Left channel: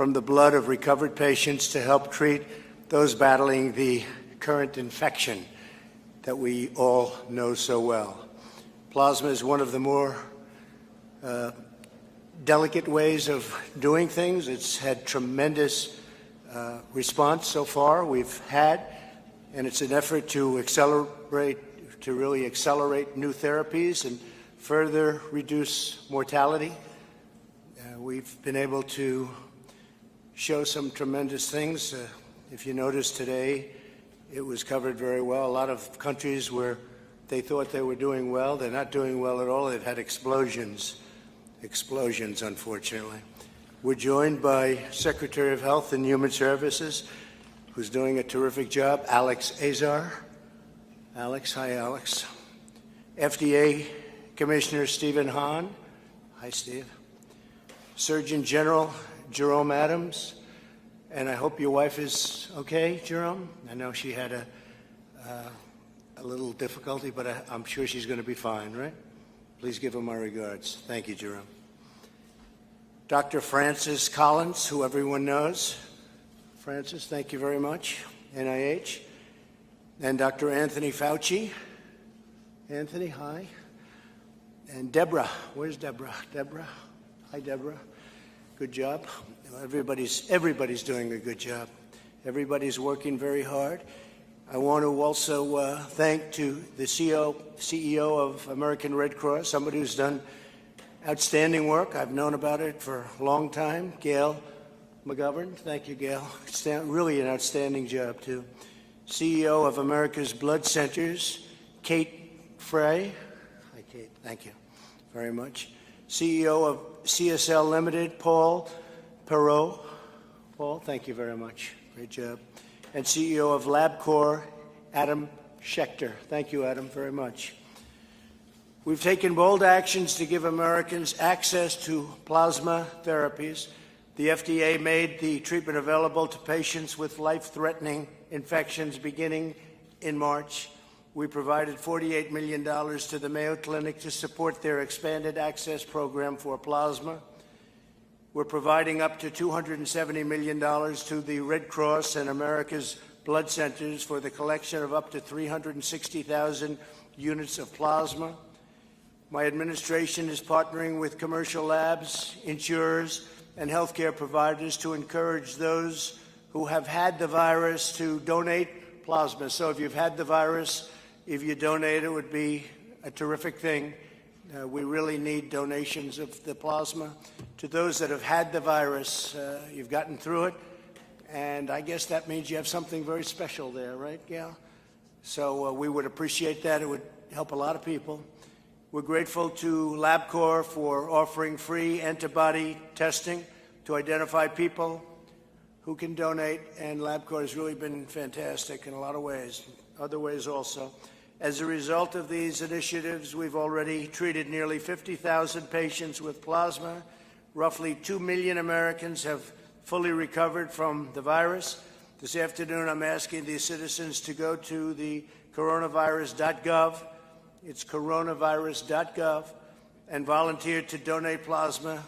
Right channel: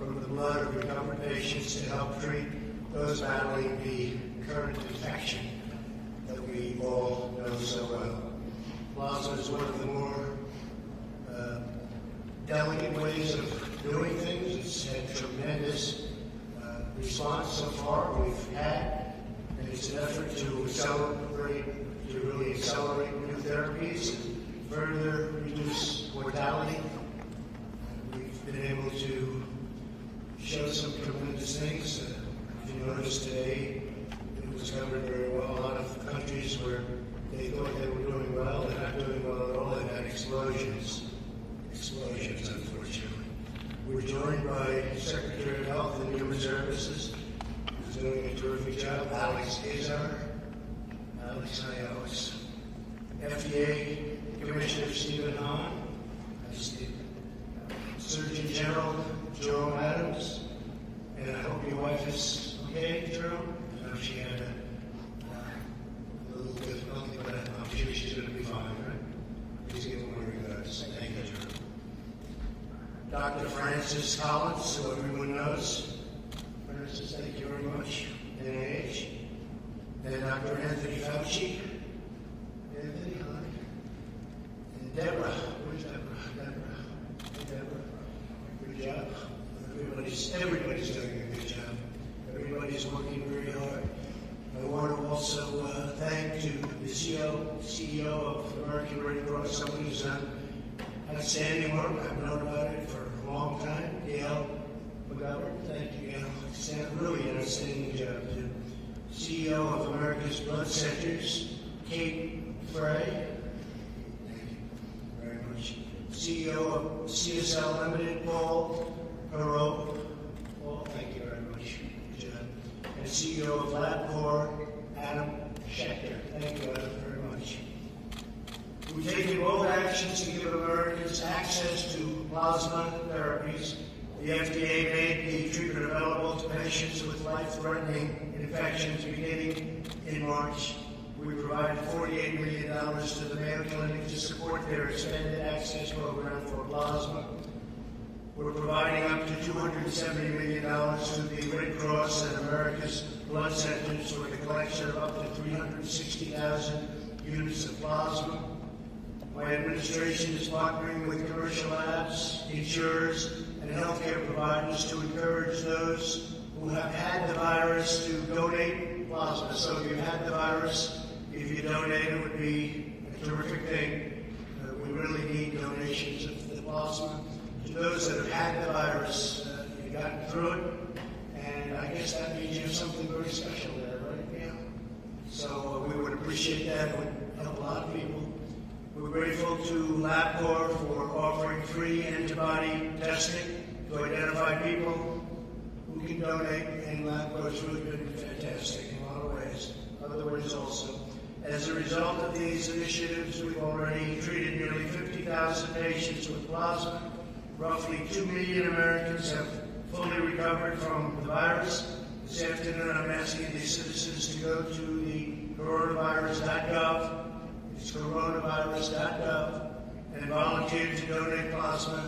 from the blood of recovered patients to help treat those battling the current infection that we all know so well. Plasma is one of the more delicate ways of doing things. It's had tremendous response so far we've had, and it's an effort to really accelerate new therapies and further reduce mortality. We've been able to show some tremendous things. If you notice today, it was covered very well. A lot of countries where they thought they were doing well, they're not doing well at all. They've had explosions, unfortunately. We're joined by Secretary of Health and Human Services, who's doing a terrific job, Alex Azar. Alex, hi, Alex. FDA Commissioner Stephen Hahn. Hi, Steve. Surgeon General Jerome Adams. And I hope your wife is okay, Jerome. I know she had a little difficulty, but I'm sure she's going to be fine, right? Please give her my regards. Thank you, Jerome. Dr. Francis Collins, who everyone knows. Francis, thank you very much. NIH. And Dr. Anthony Fauci. Anthony, hi. And Deborah. Where's Deborah? Deborah. Hi, Deborah. Good job. Everybody's doing a good job. Everybody's working very hard. I want to also thank to the CEO of American Red Cross, somebody who's done outstanding work. I've known about it for a long time. Gail McGovern. Thank you, Gail. Really an outstanding job, too. CEO of America's Blood Centers, Kate Frey. Hi, Kate. Thank you very much. CEO of CSL Limited, Paul Perot. Paul, thank you very much. Great job. And CEO of LabCorp, Adam Schechter. Thank you, Adam, very much. We've taken bold actions to give Americans access to plasma therapies. The FDA made the treatment available to patients with life-threatening infections beginning in March. We provided $48 million to the Mayo Clinic to support their expanded access program for plasma. We're providing up to $270 million to the Red Cross and America's Blood Centers for the collection of up to 360,000 units of plasma. My administration is partnering with commercial labs, insurers, and healthcare providers to encourage those who have had the virus to donate plasma. So if you've had the virus, if you donate, it would be a terrific thing. We really need donations of the plasma. To those that have had the virus, you've gotten through it, and I guess that means you have something very special there, right, Gail? So we would appreciate that. It would help a lot of people. We're grateful to LabCorp for offering free antibody testing to identify people who can donate, and LabCorp has really been fantastic in a lot of ways, other ways also. As a result of these initiatives, we've already treated nearly 50,000 patients with plasma. Roughly 2 million Americans have fully recovered from the virus. This afternoon, I'm asking the citizens to go to the coronavirus.gov. It's coronavirus.gov, and volunteer to donate plasma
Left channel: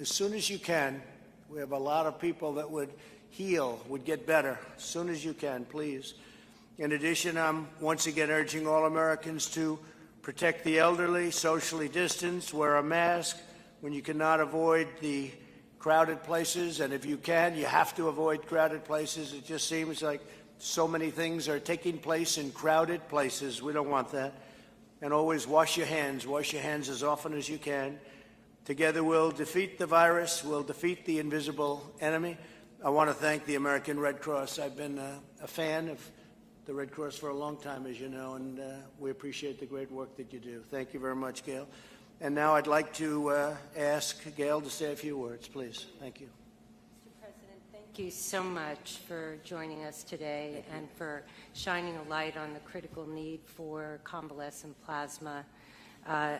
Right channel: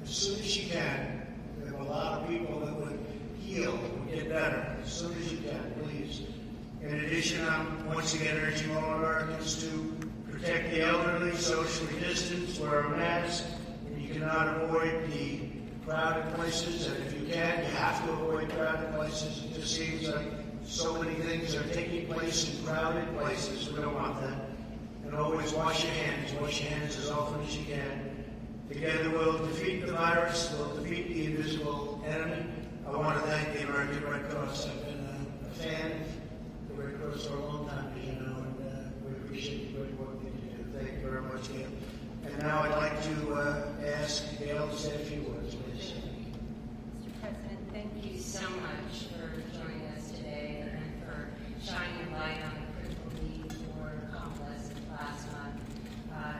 as soon as you can. We have a lot of people that would heal, would get better. As soon as you can, please. In addition, I'm once again urging all Americans to protect the elderly, socially distance, wear a mask when you cannot avoid the crowded places, and if you can, you have to avoid crowded places. It just seems like so many things are taking place in crowded places. We don't want that. And always wash your hands as often as you can. Together we'll defeat the virus, we'll defeat the invisible enemy. I want to thank the American Red Cross. I've been a fan of the Red Cross for a long time, as you know, and we appreciate the great work that you do. Thank you very much, Gail. And now I'd like to ask Gail to say a few words, please. Thank you. Mr. President, thank you so much for joining us today and for shining a light on the critical need for convalescent plasma.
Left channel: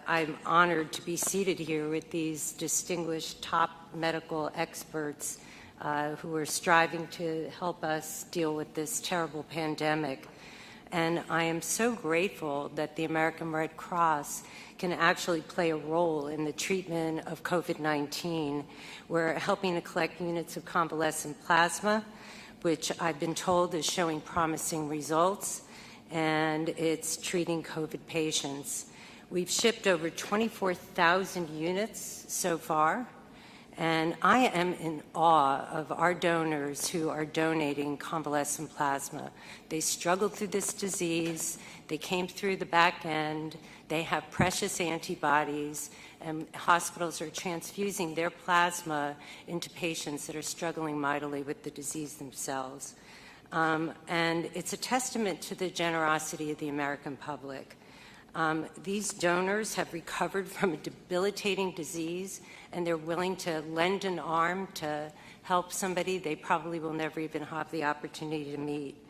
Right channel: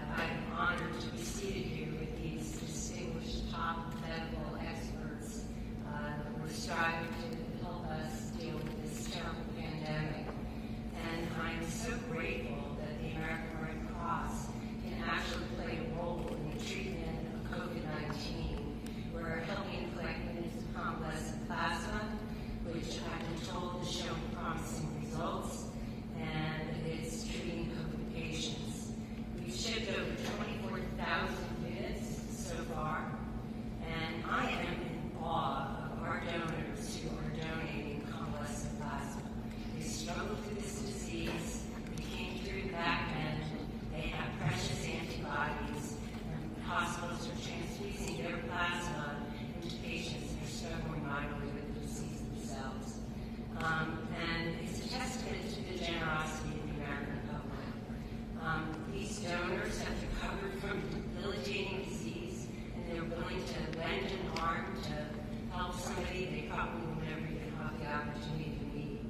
I'm honored to be seated here with these distinguished top medical experts who are striving to help us deal with this terrible pandemic. And I am so grateful that the American Red Cross can actually play a role in the treatment of COVID-19. We're helping to collect units of convalescent plasma, which I've been told is showing promising results, and it's treating COVID patients. We've shipped over 24,000 units so far, and I am in awe of our donors who are donating convalescent plasma. They struggled through this disease, they came through the back end, they have precious antibodies, and hospitals are transfusing their plasma into patients that are struggling mightily with the disease themselves. And it's a testament to the generosity of the American public. These donors have recovered from a debilitating disease, and they're willing to lend an arm to help somebody they probably will never even have the opportunity to meet.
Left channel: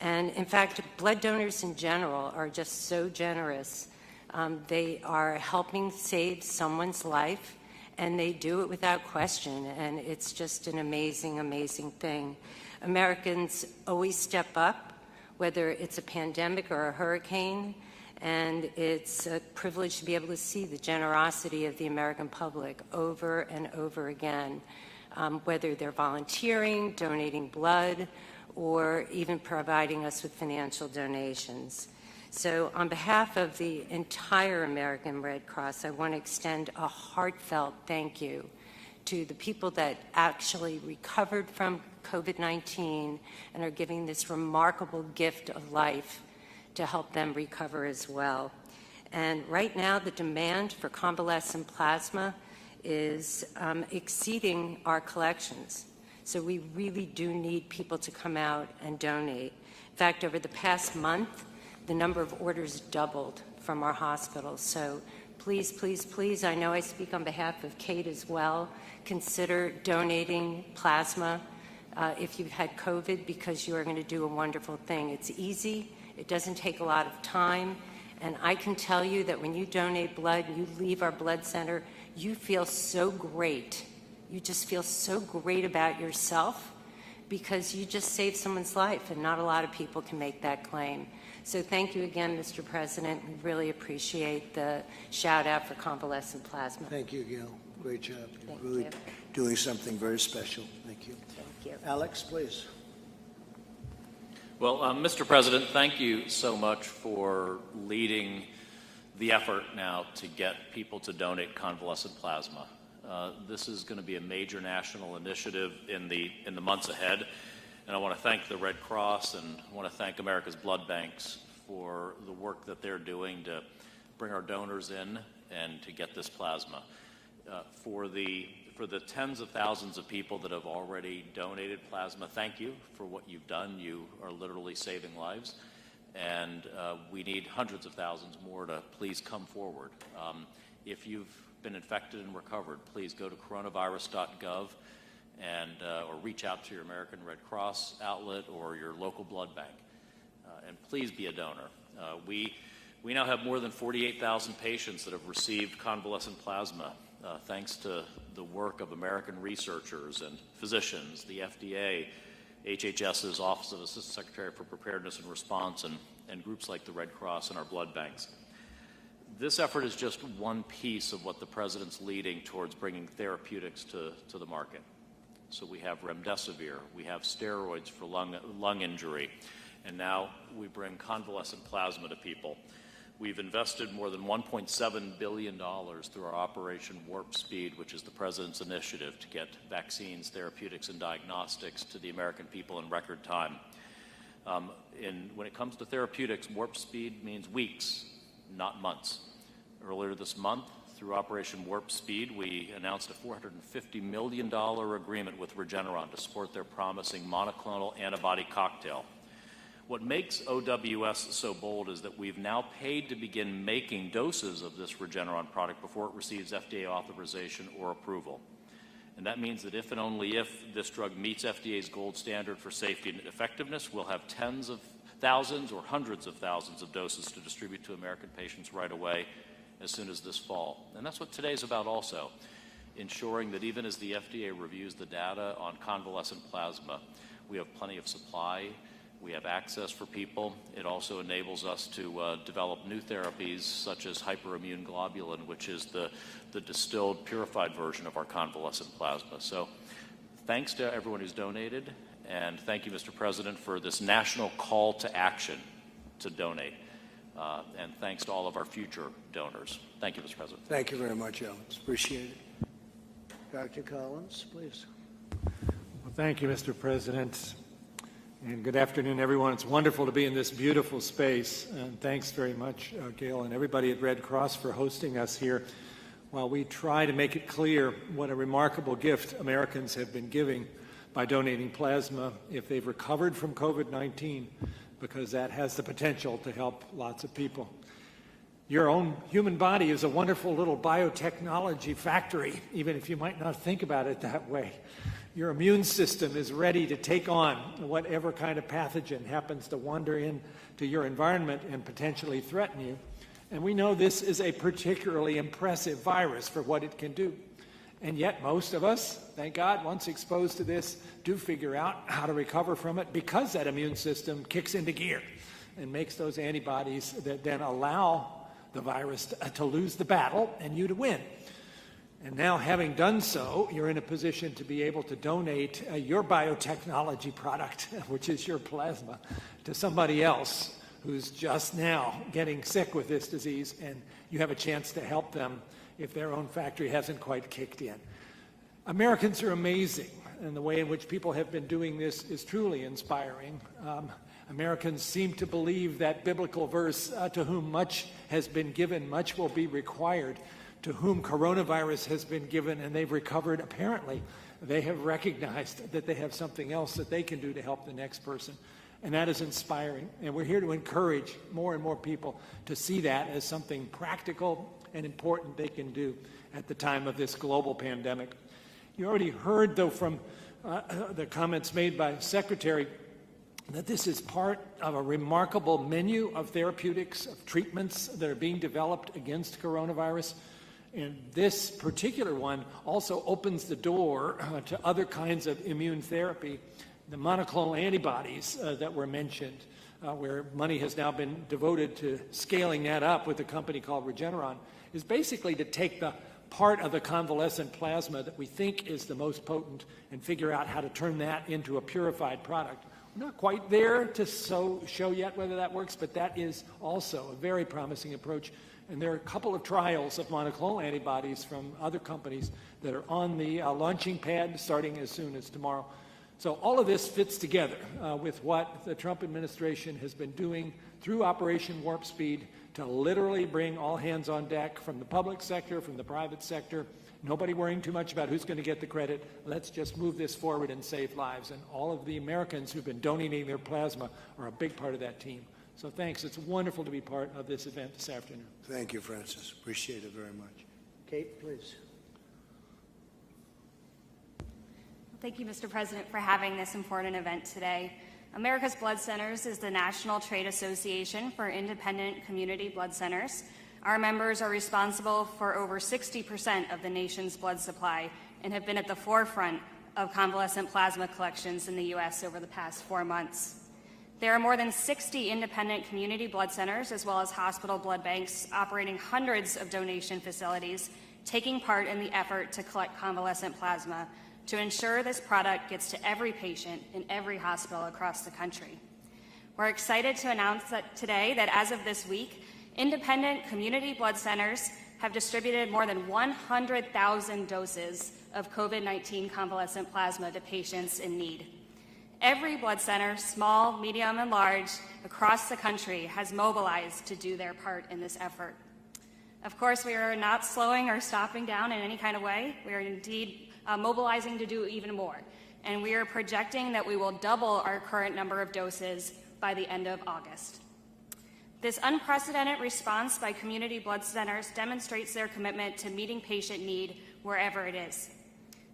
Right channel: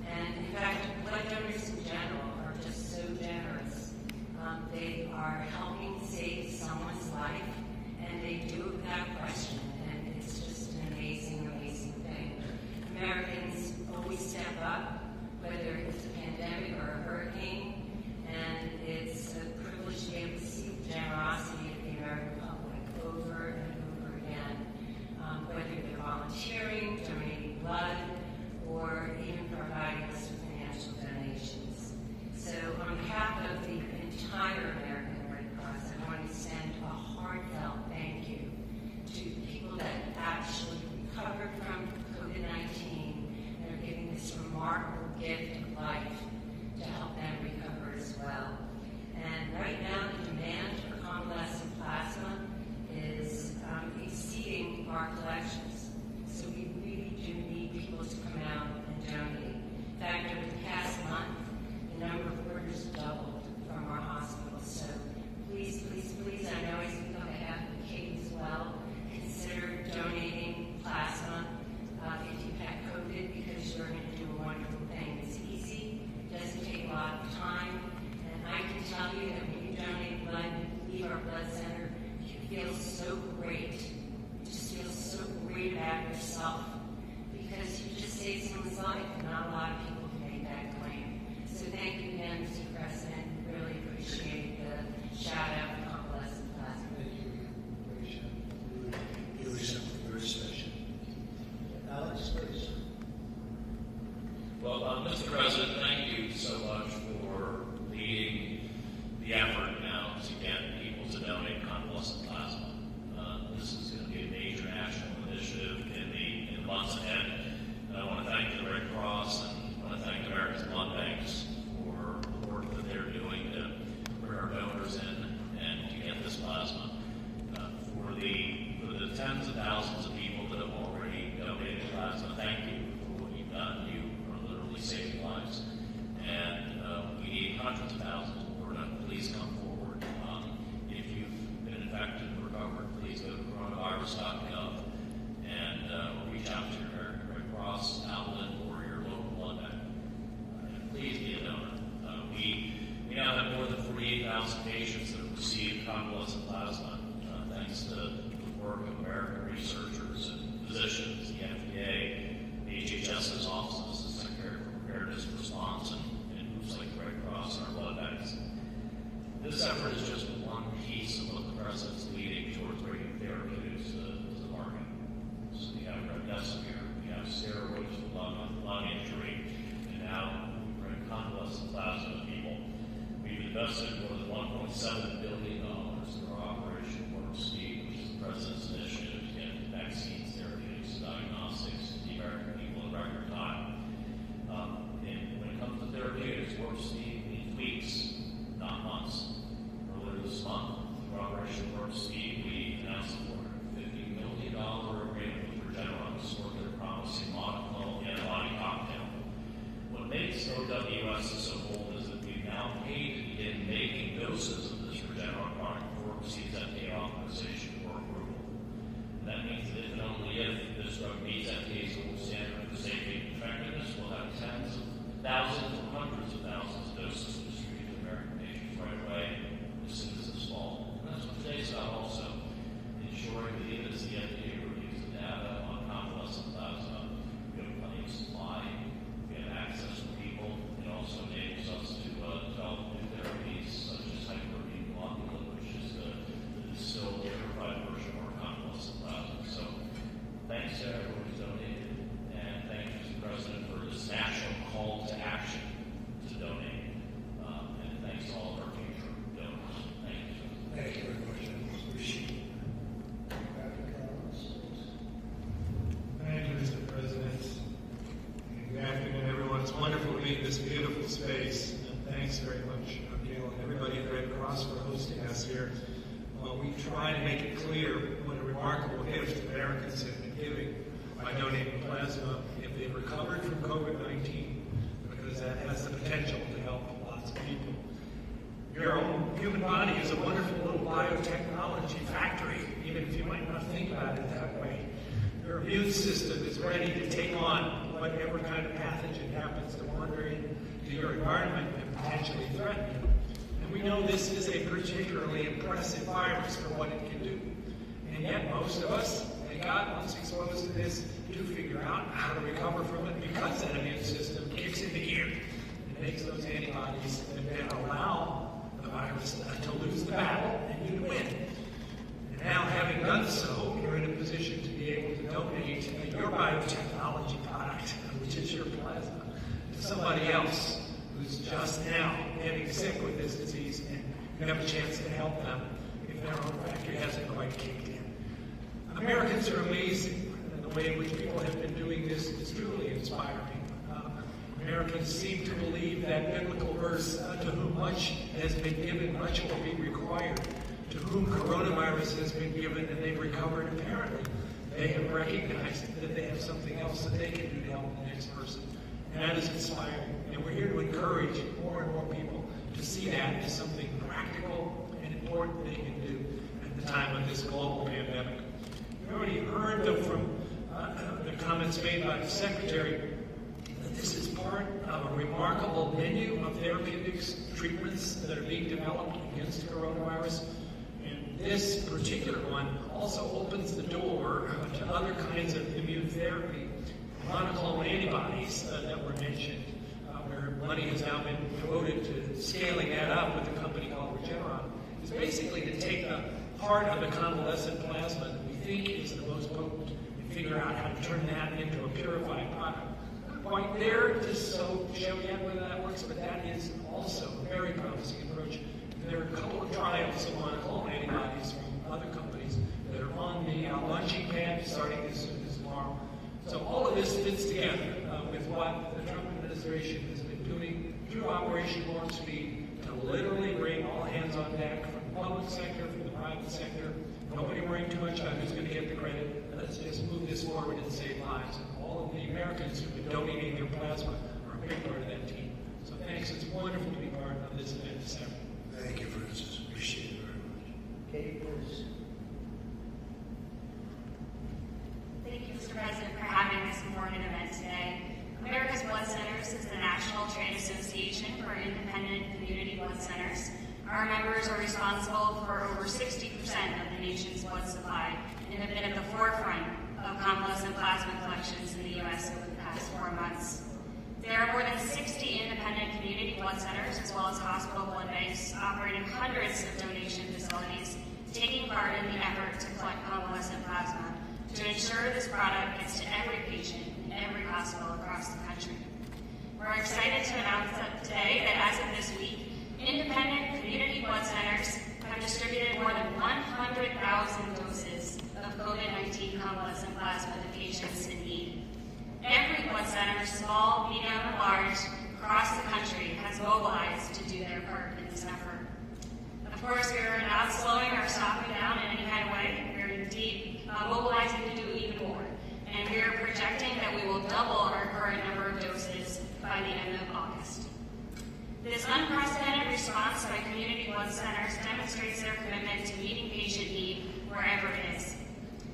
And in fact, blood donors in general are just so generous. They are helping save someone's life, and they do it without question, and it's just an amazing, amazing thing. Americans always step up, whether it's a pandemic or a hurricane, and it's a privilege to be able to see the generosity of the American public over and over again, whether they're volunteering, donating blood, or even providing us with financial donations. So on behalf of the entire American Red Cross, I want to extend a heartfelt thank you to the people that actually recovered from COVID-19 and are giving this remarkable gift of life to help them recover as well. And right now, the demand for convalescent plasma is exceeding our collections. So we really do need people to come out and donate. In fact, over the past month, the number of orders doubled from our hospitals. So please, please, please, I know I speak on behalf of Kate as well, consider donating plasma if you've had COVID, because you are going to do a wonderful thing. It's easy, it doesn't take a lot of time, and I can tell you that when you donate blood, you leave our blood center, you feel so great. You just feel so great about yourself because you just saved someone's life, and not a lot of people can make that claim. So thank you again, Mr. President. We really appreciate the shout out for convalescent plasma. Thank you, Gail. Great job. Thank Really you. doing something very special. Thank you. Thank you. Alex, please. Well, Mr. President, thank you so much for leading the effort now to get people to donate convalescent plasma. This is going to be a major national initiative in the months ahead, and I want to thank the Red Cross and I want to thank America's blood banks for the work that they're doing to bring our donors in and to get this plasma. For the tens of thousands of people that have already donated plasma, thank you for what you've done. You are literally saving lives, and we need hundreds of thousands more to please come forward. If you've been infected and recovered, please go to coronavirus.gov and reach out to your American Red Cross outlet or your local blood bank. And please be a donor. We now have more than 48,000 patients that have received convalescent plasma thanks to the work of American researchers and physicians, the FDA, HHS's Office of Assistant Secretary for Preparedness and Response, and groups like the Red Cross and our blood banks. This effort is just one piece of what the President's leading towards bringing therapeutics to the market. So we have remdesivir, we have steroids for lung injury, and now we bring convalescent plasma to people. We've invested more than $1.7 billion through our Operation Warp Speed, which is the President's initiative to get vaccines, therapeutics, and diagnostics to the American people in record time. When it comes to therapeutics, Warp Speed means weeks, not months. Earlier this month, through Operation Warp Speed, we announced a $450 million agreement with Regeneron to support their promising monoclonal antibody cocktail. What makes OWS so bold is that we've now paid to begin making doses of this Regeneron product before it receives FDA authorization or approval. And that means that if and only if this drug meets FDA's gold standard for safety and effectiveness, we'll have tens of thousands or hundreds of thousands of doses to distribute to American patients right away as soon as this fall. And that's what today's about also, ensuring that even as the FDA reviews the data on convalescent plasma, we have plenty of supply, we We have access for people. It also enables us to develop new therapies such as hyperimmune globulin, which is the distilled, purified version of our convalescent plasma. So thanks to everyone who's donated, and thank you, Mr. President, for this national call to action to donate. And thanks to all of our future donors. Thank you, Mr. President. Thank you very much, Alex. Appreciate it. Dr. Collins, please. Thank you, Mr. President. And good afternoon, everyone. It's wonderful to be in this beautiful space. And thanks very much, Gail, and everybody at Red Cross for hosting us here while we try to make it clear what a remarkable gift Americans have been giving by donating plasma if they've recovered from COVID-19, because that has the potential to help lots of people. Your own human body is a wonderful little biotechnology factory, even if you might not think about it that way. Your immune system is ready to take on whatever kind of pathogen happens to wander into your environment and potentially threaten you. And we know this is a particularly impressive virus for what it can do. And yet most of us, thank God, once exposed to this, do figure out how to recover from it because that immune system kicks into gear and makes those antibodies that then allow the virus to lose the battle and you to win. And now, having done so, you're in a position to be able to donate your biotechnology product, which is your plasma, to somebody else who's just now getting sick with this disease, and you have a chance to help them if their own factory hasn't quite kicked in. Americans are amazing, and the way in which people have been doing this is truly inspiring. Americans seem to believe that biblical verse, to whom much has been given, much will be required. To whom coronavirus has been given and they've recovered, apparently, they have recognized that they have something else that they can do to help the next person. And that is inspiring. And we're here to encourage more and more people to see that as something practical and important they can do at the time of this global pandemic. You already heard, though, from the comments made by the Secretary that this is part of a remarkable menu of therapeutics, treatments that are being developed against coronavirus. And this particular one also opens the door to other kinds of immune therapy. The monoclonal antibodies that were mentioned, where money has now been devoted to scaling that up with a company called Regeneron, is basically to take the part of the convalescent plasma that we think is the most potent and figure out how to turn that into a purified product. I'm not quite there to show yet whether that works, but that is also a very promising approach. And there are a couple of trials of monoclonal antibodies from other companies that are on the launching pad starting as soon as tomorrow. So all of this fits together with what the Trump administration has been doing through Operation Warp Speed to literally bring all hands on deck from the public sector, from the private sector. Nobody worrying too much about who's going to get the credit. Let's just move this forward and save lives. And all of the Americans who've been donating their plasma are a big part of that team. So thanks. It's wonderful to be part of this event this afternoon. Thank you, Francis. Appreciate it very much. Kate, please. Thank you, Mr. President, for having this important event today. America's Blood Centers is the national trade association for independent community blood centers. Our members are responsible for over 60% of the nation's blood supply and have been at the forefront of convalescent plasma collections in the U.S. over the past 4 months. There are more than 60 independent community blood centers, as well as hospital blood banks, operating hundreds of donation facilities, taking part in the effort to collect convalescent plasma to ensure this product gets to every patient in every hospital across the country. We're excited to announce that today that as of this week, independent community blood centers have distributed more than 100,000 doses of COVID-19 convalescent plasma to patients in need. Every blood center, small, medium, and large, across the country has mobilized to do their part in this effort. Of course, we are not slowing or stopping down in any kind of way. We are indeed mobilizing to do even more. And we are projecting that we will double our current number of doses by the end of August. This unprecedented response by community blood centers demonstrates their commitment to meeting patient need wherever it is.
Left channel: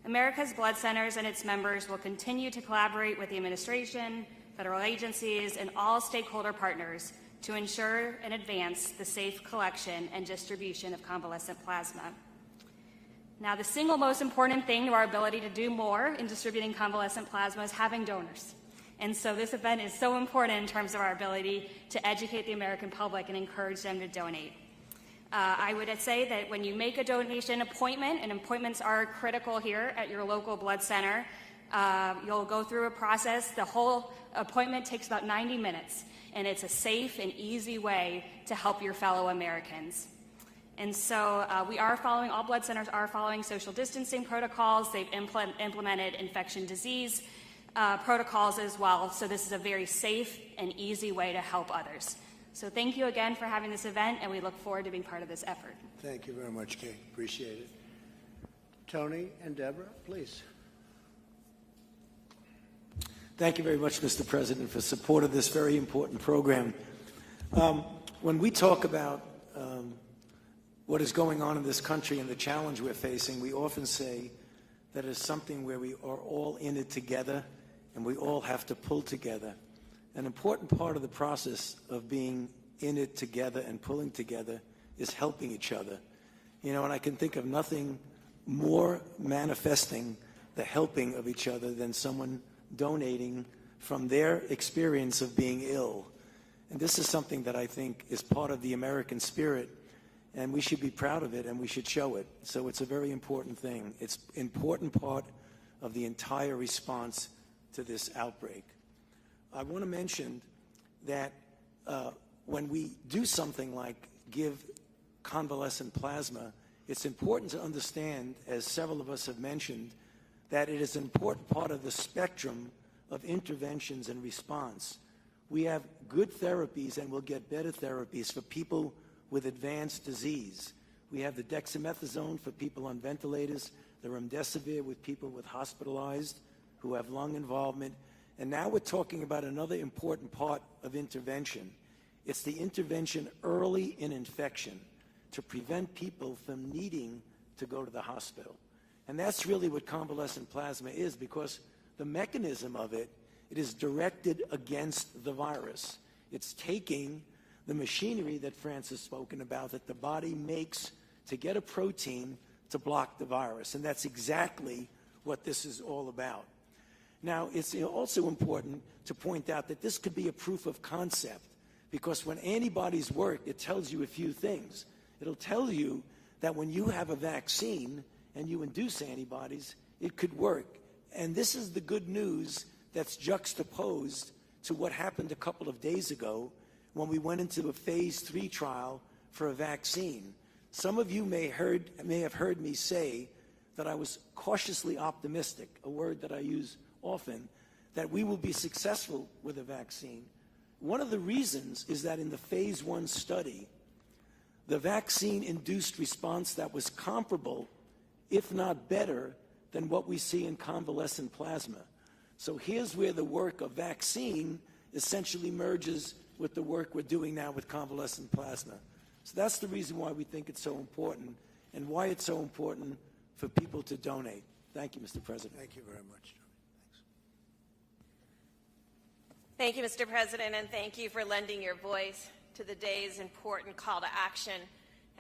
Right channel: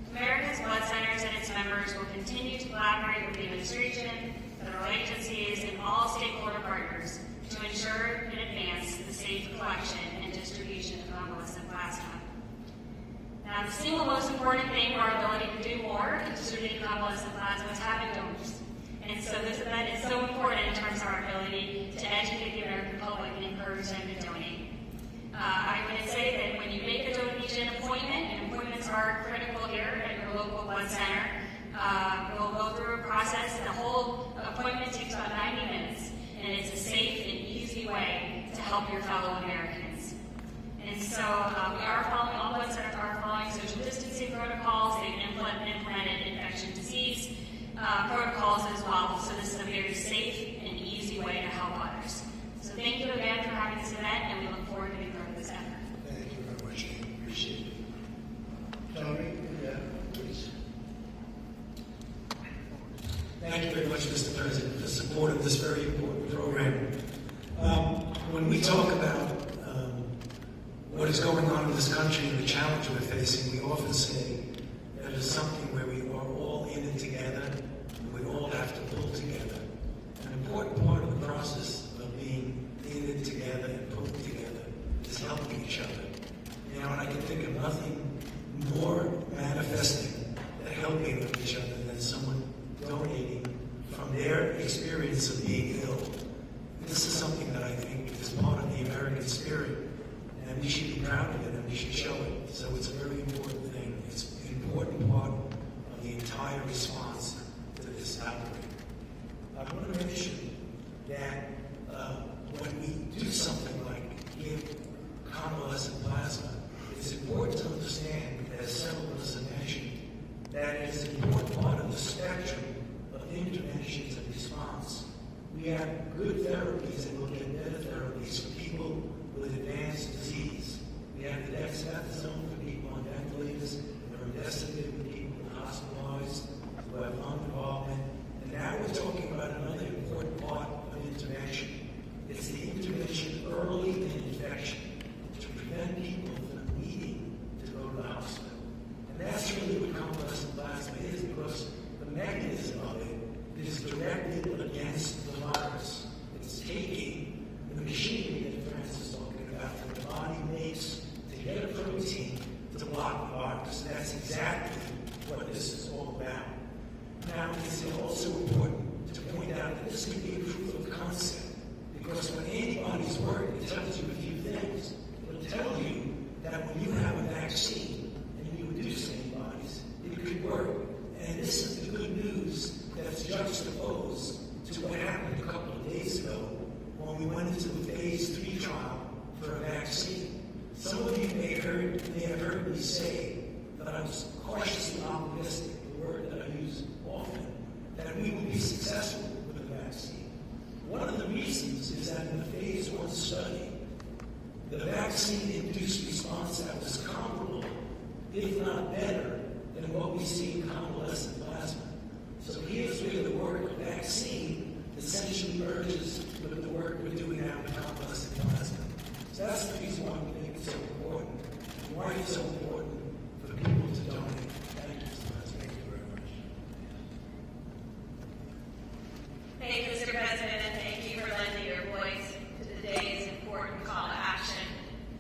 America's Blood Centers and its members will continue to collaborate with the administration, federal agencies, and all stakeholder partners to ensure and advance the safe collection and distribution of convalescent plasma. Now, the single most important thing to our ability to do more in distributing convalescent plasma is having donors. And so this event is so important in terms of our ability to educate the American public and encourage them to donate. I'm going to say that when you make a donation appointment, and appointments are critical here at your local blood center, you'll go through a process. The whole appointment takes about 90 minutes, and it's a safe and easy way to help your fellow Americans. And so all blood centers are following social distancing protocols. They've implemented infection disease protocols as well. So this is a very safe and easy way to help others. So thank you again for having this event, and we look forward to being part of this effort. Thank you very much, Jane. Appreciate it. Tony and Deb, please. Thank you very much, Mr. President, for support of this very important program. When we talk about what is going on in this country and the challenge we're facing, we often say that it's something where we are all in it together and we all have to pull together. An important part of the process of being in it together and pulling together is helping each other. You know, and I can think of nothing more manifesting the helping of each other than someone donating from their experience of being ill. And this is something that I think is part of the American spirit, and we should be proud of it and we should show it. So it's a very important thing. It's an important part of the entire response to this outbreak. I want to mention that when we do something like give convalescent plasma, it's important to understand, as several of us have mentioned, that it is an important part of the spectrum of interventions and response. We have good therapies and we'll get better therapies for people with advanced disease. We have the dexamethasone for people on ventilators, the remdesivir for people with hospitalized who have lung involvement. And now we're talking about another important part of intervention. It's the intervention early in infection to prevent people from needing to go to the hospital. And that's really what convalescent plasma is, because the mechanism of it is directed against the virus. It's taking the machinery that Francis has spoken about that the body makes to get a protein to block the virus. And that's exactly what this is all about. Now, it's also important to point out that this could be a proof of concept, because when antibodies work, it tells you a few things. It'll tell you that when you have a vaccine and you induce antibodies, it could work. And this is the good news that's juxtaposed to what happened a couple of days ago when we went into the phase 3 trial for a vaccine. Some of you may have heard me say that I was cautiously optimistic, a word that I use often, that we will be successful with a vaccine. One of the reasons is that in the phase 1 study, the vaccine-induced response that was comparable, if not better, than what we see in convalescent plasma. So here's where the work of vaccine essentially merges with the work we're doing now with convalescent plasma. So that's the reason why we think it's so important, and why it's so important for people to donate. Thank you, Mr. President. Thank you very much. Thank you, Mr. President, and thank you for lending your voice to the day's important call to action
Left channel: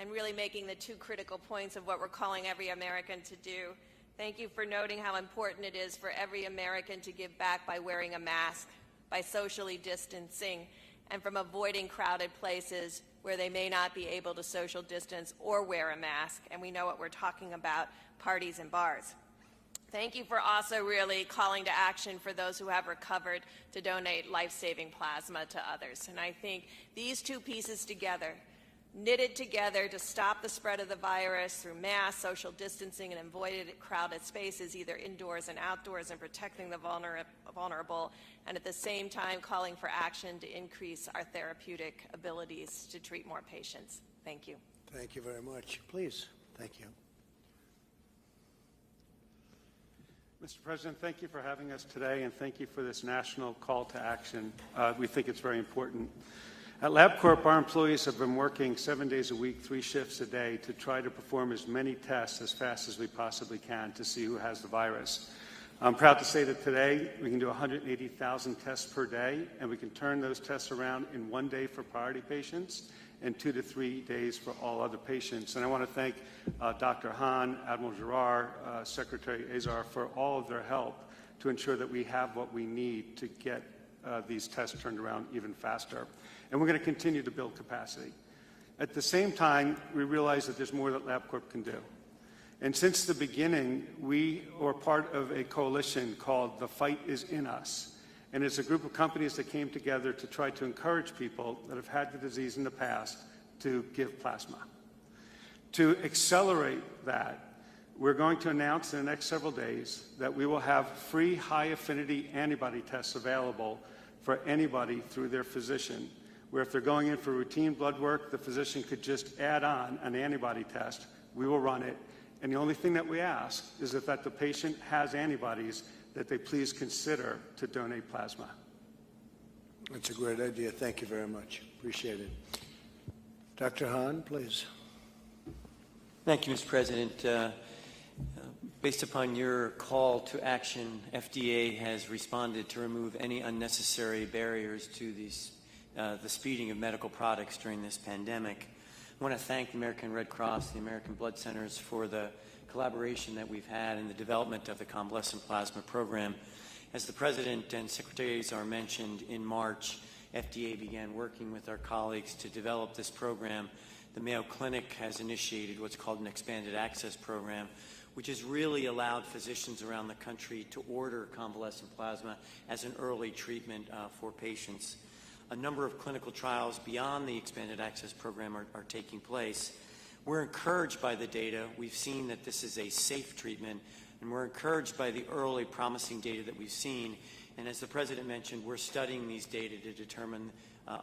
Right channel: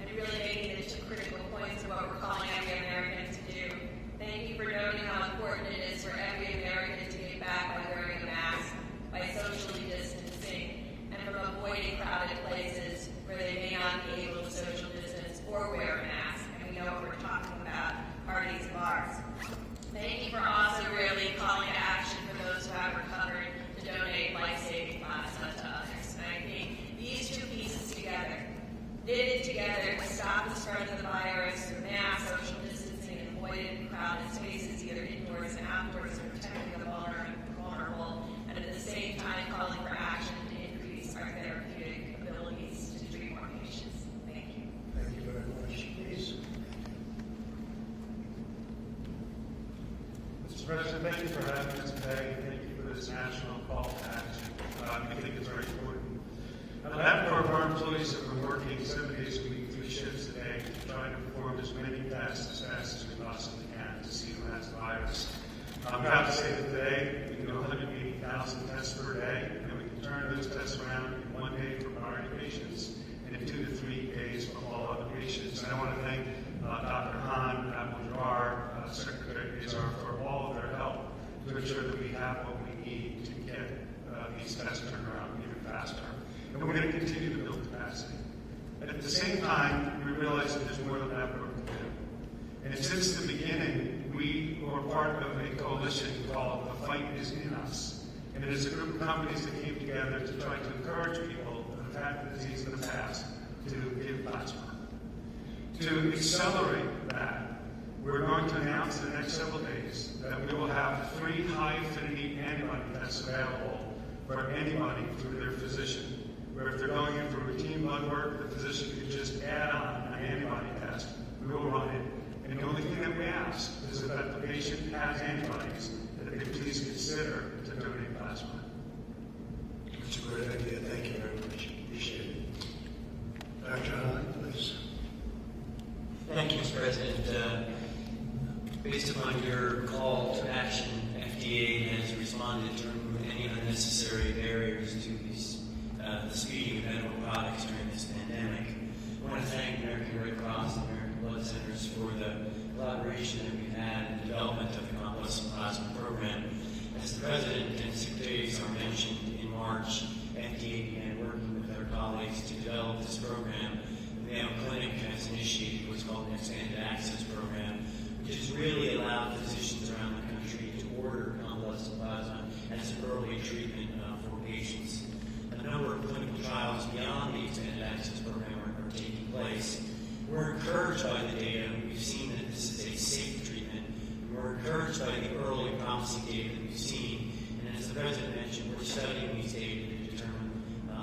and really making the 2 critical points of what we're calling every American to do. Thank you for noting how important it is for every American to give back by wearing a mask, by socially distancing, and from avoiding crowded places where they may not be able to social distance or wear a mask. And we know what we're talking about, parties and bars. Thank you for also really calling to action for those who have recovered to donate life-saving plasma to others. And I think these 2 pieces together, knitted together to stop the spread of the virus through mass social distancing and avoided crowded spaces, either indoors and outdoors, and protecting the vulnerable, and at the same time calling for action to increase our therapeutic abilities to treat more patients. Thank you. Thank you very much. Please. Thank you. Mr. President, thank you for having us today, and thank you for this national call to action. We think it's very important. At LabCorp, our employees have been working 7 days a week, 3 shifts a day, to try to perform as many tests as fast as we possibly can to see who has the virus. I'm proud to say that today we can do 180,000 tests per day, and we can turn those tests around in 1 day for priority patients and 2 to 3 days for all other patients. And I want to thank Dr. Hahn, Admiral Giroir, Secretary Azar for all of their help to to ensure that we have what we need to get these tests turned around even faster. And we're going to continue to build capacity. At the same time, we realize that there's more that LabCorp can do. And since the beginning, we were part of a coalition called The Fight Is In Us. And it's a group of companies that came together to try to encourage people that have had the disease in the past to give plasma. To accelerate that, we're going to announce in the next several days that we will have free high-affinity antibody tests available for anybody through their physician, where if they're going in for routine blood work, the physician could just add on an antibody test. We will run it. And the only thing that we ask is that the patient has antibodies, that they please consider to donate plasma. That's a great idea. Thank you very much. Appreciate it. Dr. Hahn, please. Thank you, Mr. President. Based upon your call to action, FDA has responded to remove any unnecessary barriers to the speeding of medical products during this pandemic. I want to thank the American Red Cross and the American Blood Centers for the collaboration that we've had in the development of the convalescent plasma program. As the President and Secretary Azar mentioned, in March, FDA began working with our colleagues to develop this program. The Mayo Clinic has initiated what's called an expanded access program, which has really allowed physicians around the country to order convalescent plasma as an early treatment for patients. A number of clinical trials beyond the expanded access program are taking place. We're encouraged by the data. We've seen that this is a safe treatment, and we're encouraged by the early promising data that we've seen. And as the President mentioned, we're studying these data to determine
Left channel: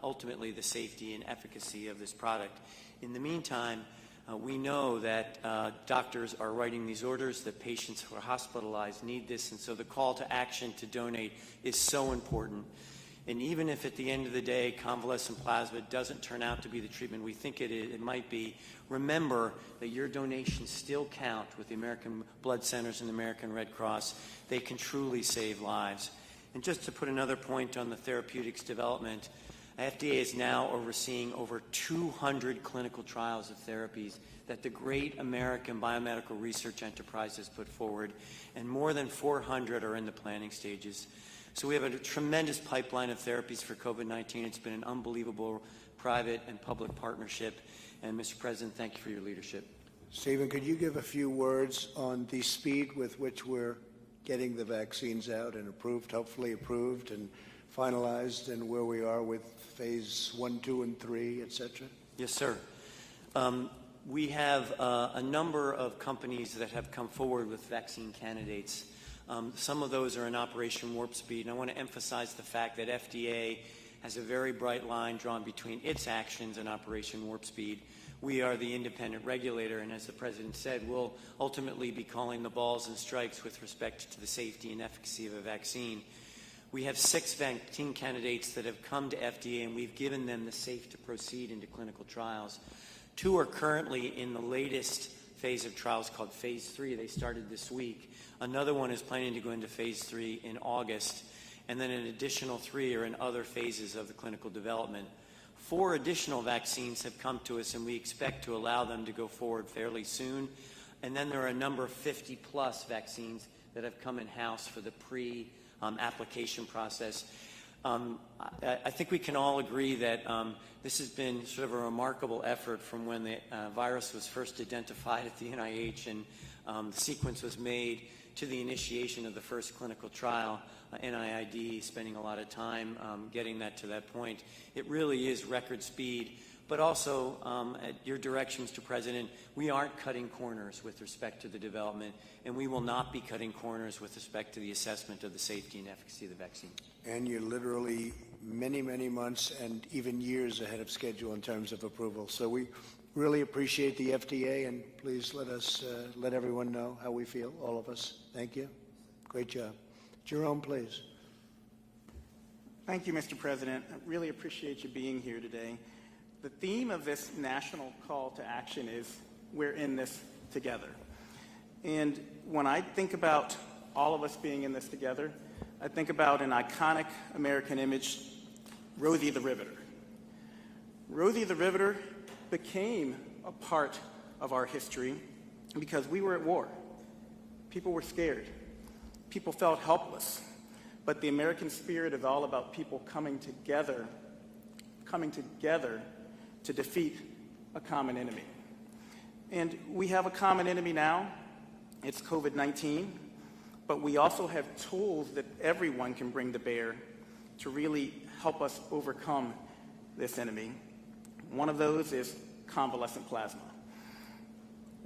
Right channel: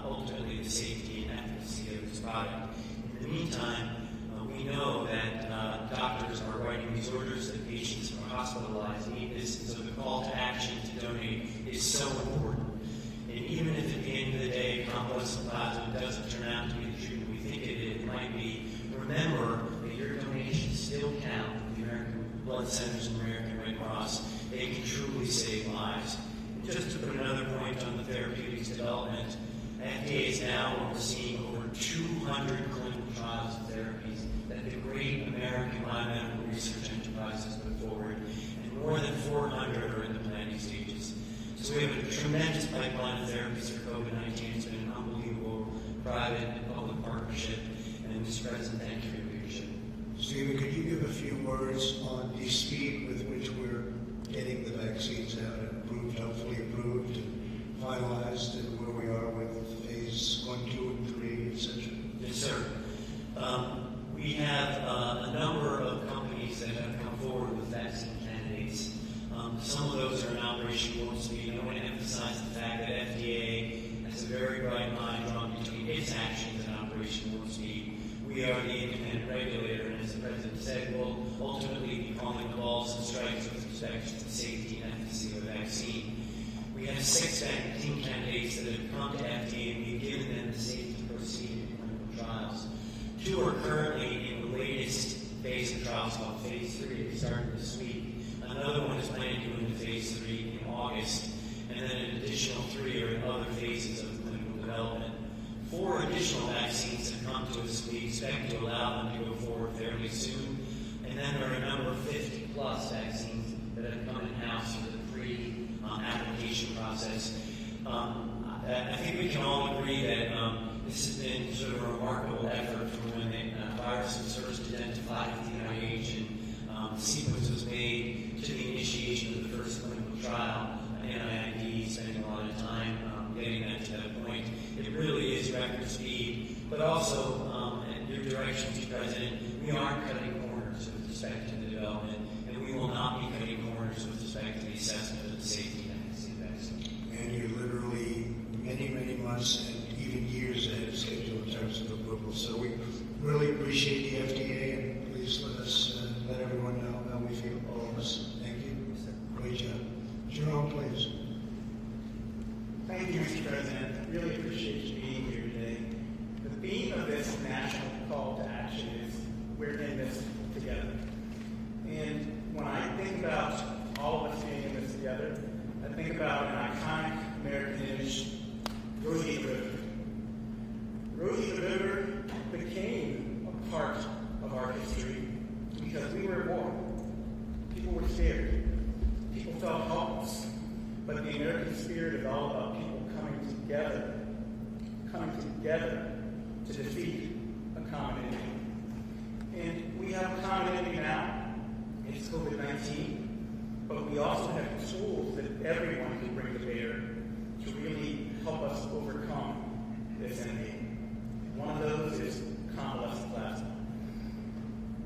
ultimately the safety and efficacy of this product. In the meantime, we know that doctors are writing these orders, that patients who are hospitalized need this, and so the call to action to donate is so important. And even if at the end of the day convalescent plasma doesn't turn out to be the treatment we think it might be, remember that your donations still count with the American Blood Centers and the American Red Cross. They can truly save lives. And just to put another point on the therapeutics development, FDA is now overseeing over 200 clinical trials of therapies that the great American biomedical research enterprise has put forward, and more than 400 are in the planning stages. So we have a tremendous pipeline of therapies for COVID-19. It's been an unbelievable private and public partnership. And Mr. President, thank you for your leadership. Stephen, could you give a few words on the speed with which we're getting the vaccines out and approved, hopefully approved and finalized, and where we are with phase 1, 2, and 3, etc.? Yes, sir. We have a number of companies that have come forward with vaccine candidates. Some of those are in Operation Warp Speed, and I want to emphasize the fact that FDA has a very bright line drawn between its actions and Operation Warp Speed. We are the independent regulator, and as the President said, we'll ultimately be calling the balls and strikes with respect to the safety and efficacy of a vaccine. We have 6 vaccine candidates that have come to FDA, and we've given them the safe to proceed into clinical trials. 2 are currently in the latest phase of trials called phase 3. They started this week. Another one is planning to go into phase 3 in August, and then an additional 3 are in other phases of clinical development. 4 additional vaccines have come to us, and we expect to allow them to go forward fairly soon. And then there are a number of 50-plus vaccines that have come in-house for the pre-application process. I think we can all agree that this has been sort of a remarkable effort from when the virus was first identified at the NIH and the sequence was made to the initiation of the first clinical trial. NIID spending a lot of time getting that to that point. It really is record speed, but also at your direction, Mr. President, we aren't cutting corners with respect to the development, and we will not be cutting corners with respect to the assessment of the safety and efficacy of the vaccine. And you're literally many, many months and even years ahead of schedule in terms of approval. So we really appreciate the FDA, and please let us let everyone know how we feel, all of us. Thank you. Great job. Jerome, please. Thank you, Mr. President. I really appreciate you being here today. The theme of this national call to action is we're in this together. And when I think about all of us being in this together, I think about an iconic American image, Rosie the Riveter. Rosie the Riveter became a part of our history because we were at war. People were scared. people felt helpless. But the American spirit is all about people coming together to defeat a common enemy. And we have a common enemy now. It's COVID-19. But we also have tools that everyone can bring to bear to really help us overcome this enemy. One of those is convalescent plasma.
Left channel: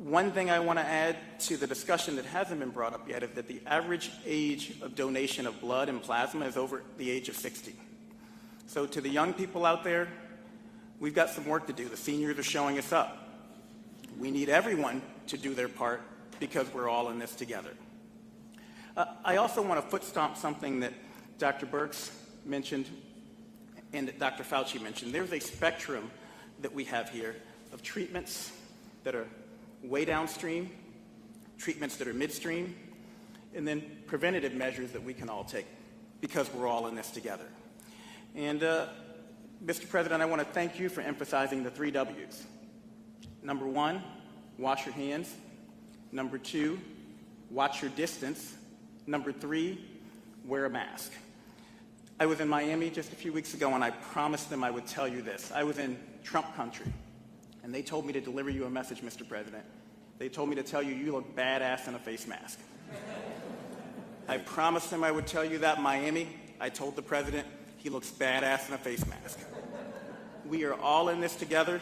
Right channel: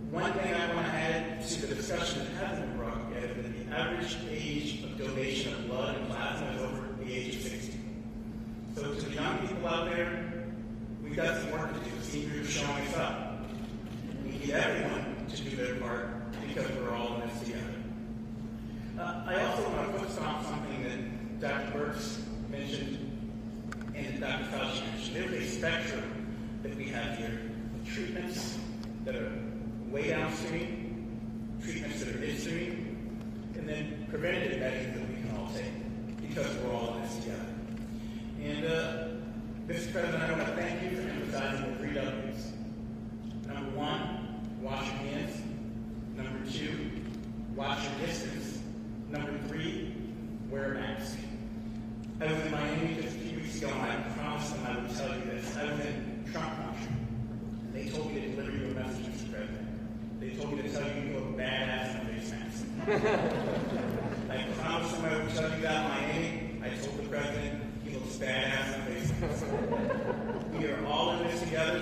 One thing I want to add to the discussion that hasn't been brought up yet is that the average age of donation of blood and plasma is over the age of 60. So to the young people out there, we've got some work to do. The seniors are showing us up. We need everyone to do their part because we're all in this together. I also want to foot stomp something that Dr. Birx mentioned and that Dr. Fauci mentioned. There's a spectrum that we have here of treatments that are way downstream, treatments that are midstream, and then preventative measures that we can all take because we're all in this together. And Mr. President, I want to thank you for emphasizing the 3 W's. Number 1, wash your hands. Number 2, watch your distance. Number 3, wear a mask. I was in Miami just a few weeks ago, and I promised them I would tell you this. I was in Trump country, and they told me to deliver you a message, Mr. President. They told me to tell you you look badass in a face mask. I promised them I would tell you that. Miami, I told the president he looks badass in a face mask. We are all in this together.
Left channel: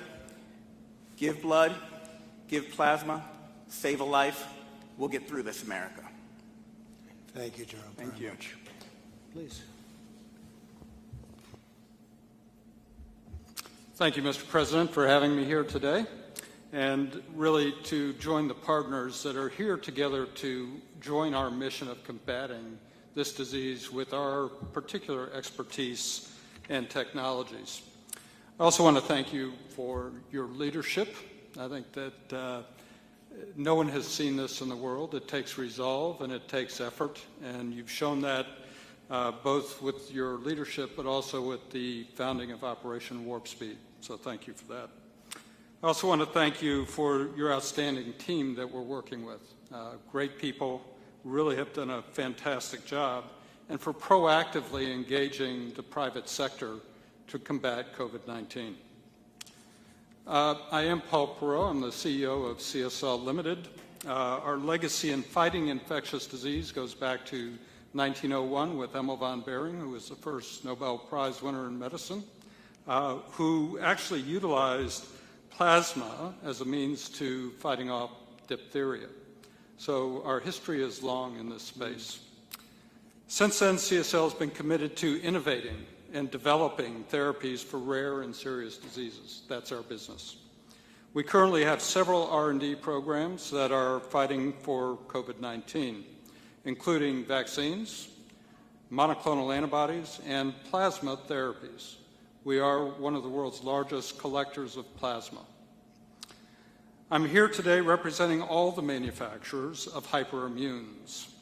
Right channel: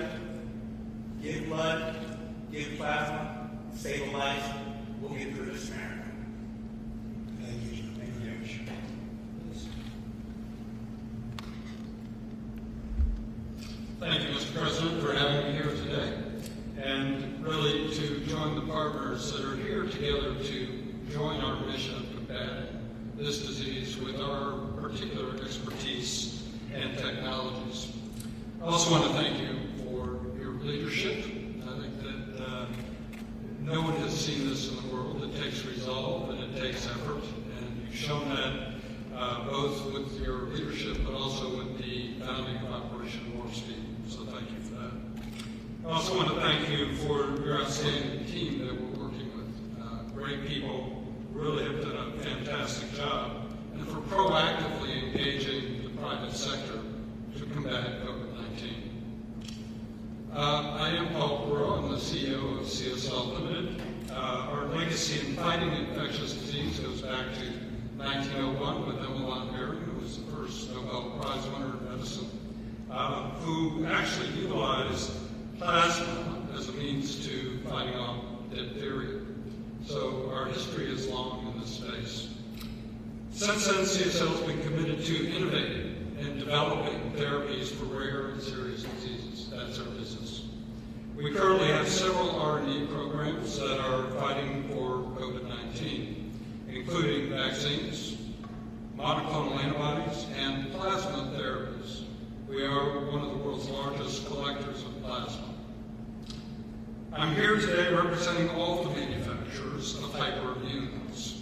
Give blood, give plasma, save a life. We'll get through this, America. Thank you, John. Thank you. Please. Thank you, Mr. President, for having me here today, and really to join the partners that are here together to join our mission of combating this disease with our particular expertise and technologies. I also want to thank you for your leadership. I think that no one has seen this in the world. It takes resolve and it takes effort, and you've shown that both with your leadership but also with the founding of Operation Warp Speed. So thank you for that. I also want to thank you for your outstanding team that we're working with. Great people really have done a fantastic job, and for proactively engaging the private sector to combat COVID-19. I am Paul Perot. I'm the CEO of CSL Limited. Our legacy in fighting infectious disease goes back to 1901 with Emil von Behring, who was the first Nobel Prize winner in medicine, who actually utilized plasma as a means to fighting off diphtheria. So our history is long in this space. Since then, CSL has been committed to innovating and developing therapies for rare and serious diseases. That's our business. We currently have several R&D programs that are fighting for COVID-19, including vaccines, monoclonal antibodies, and plasma therapies. We are one of the world's largest collectors of plasma. I'm here today representing all the manufacturers of hyperimmunes,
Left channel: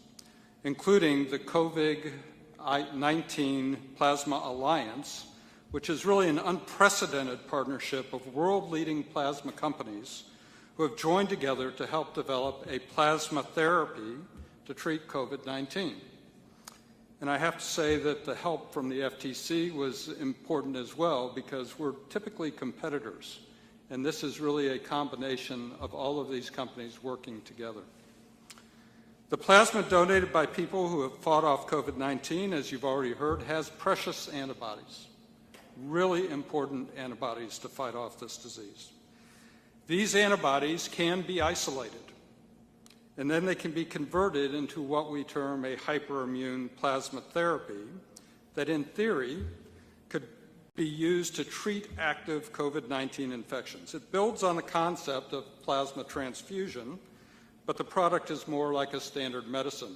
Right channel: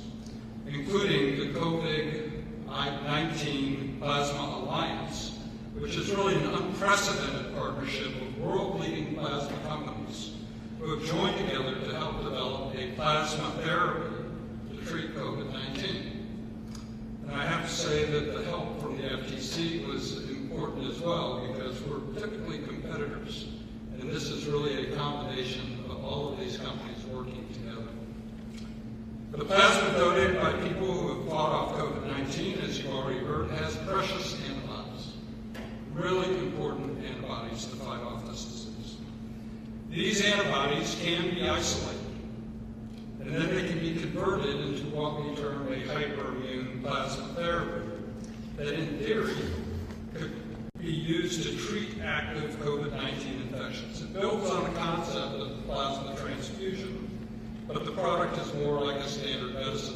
including the COVID-19 Plasma Alliance, which is really an unprecedented partnership of world-leading plasma companies who have joined together to help develop a plasma therapy to treat COVID-19. And I have to say that the help from the FTC was important as well, because we're typically competitors, and this is really a combination of all of these companies working together. The plasma donated by people who have fought off COVID-19, as you've already heard, has precious antibodies, really important antibodies to fight off this disease. These antibodies can be isolated, and then they can be converted into what we term a hyperimmune plasma therapy that, in theory, could be used to treat active COVID-19 infections. It builds on the concept of plasma transfusion, but the product is more like a standard medicine.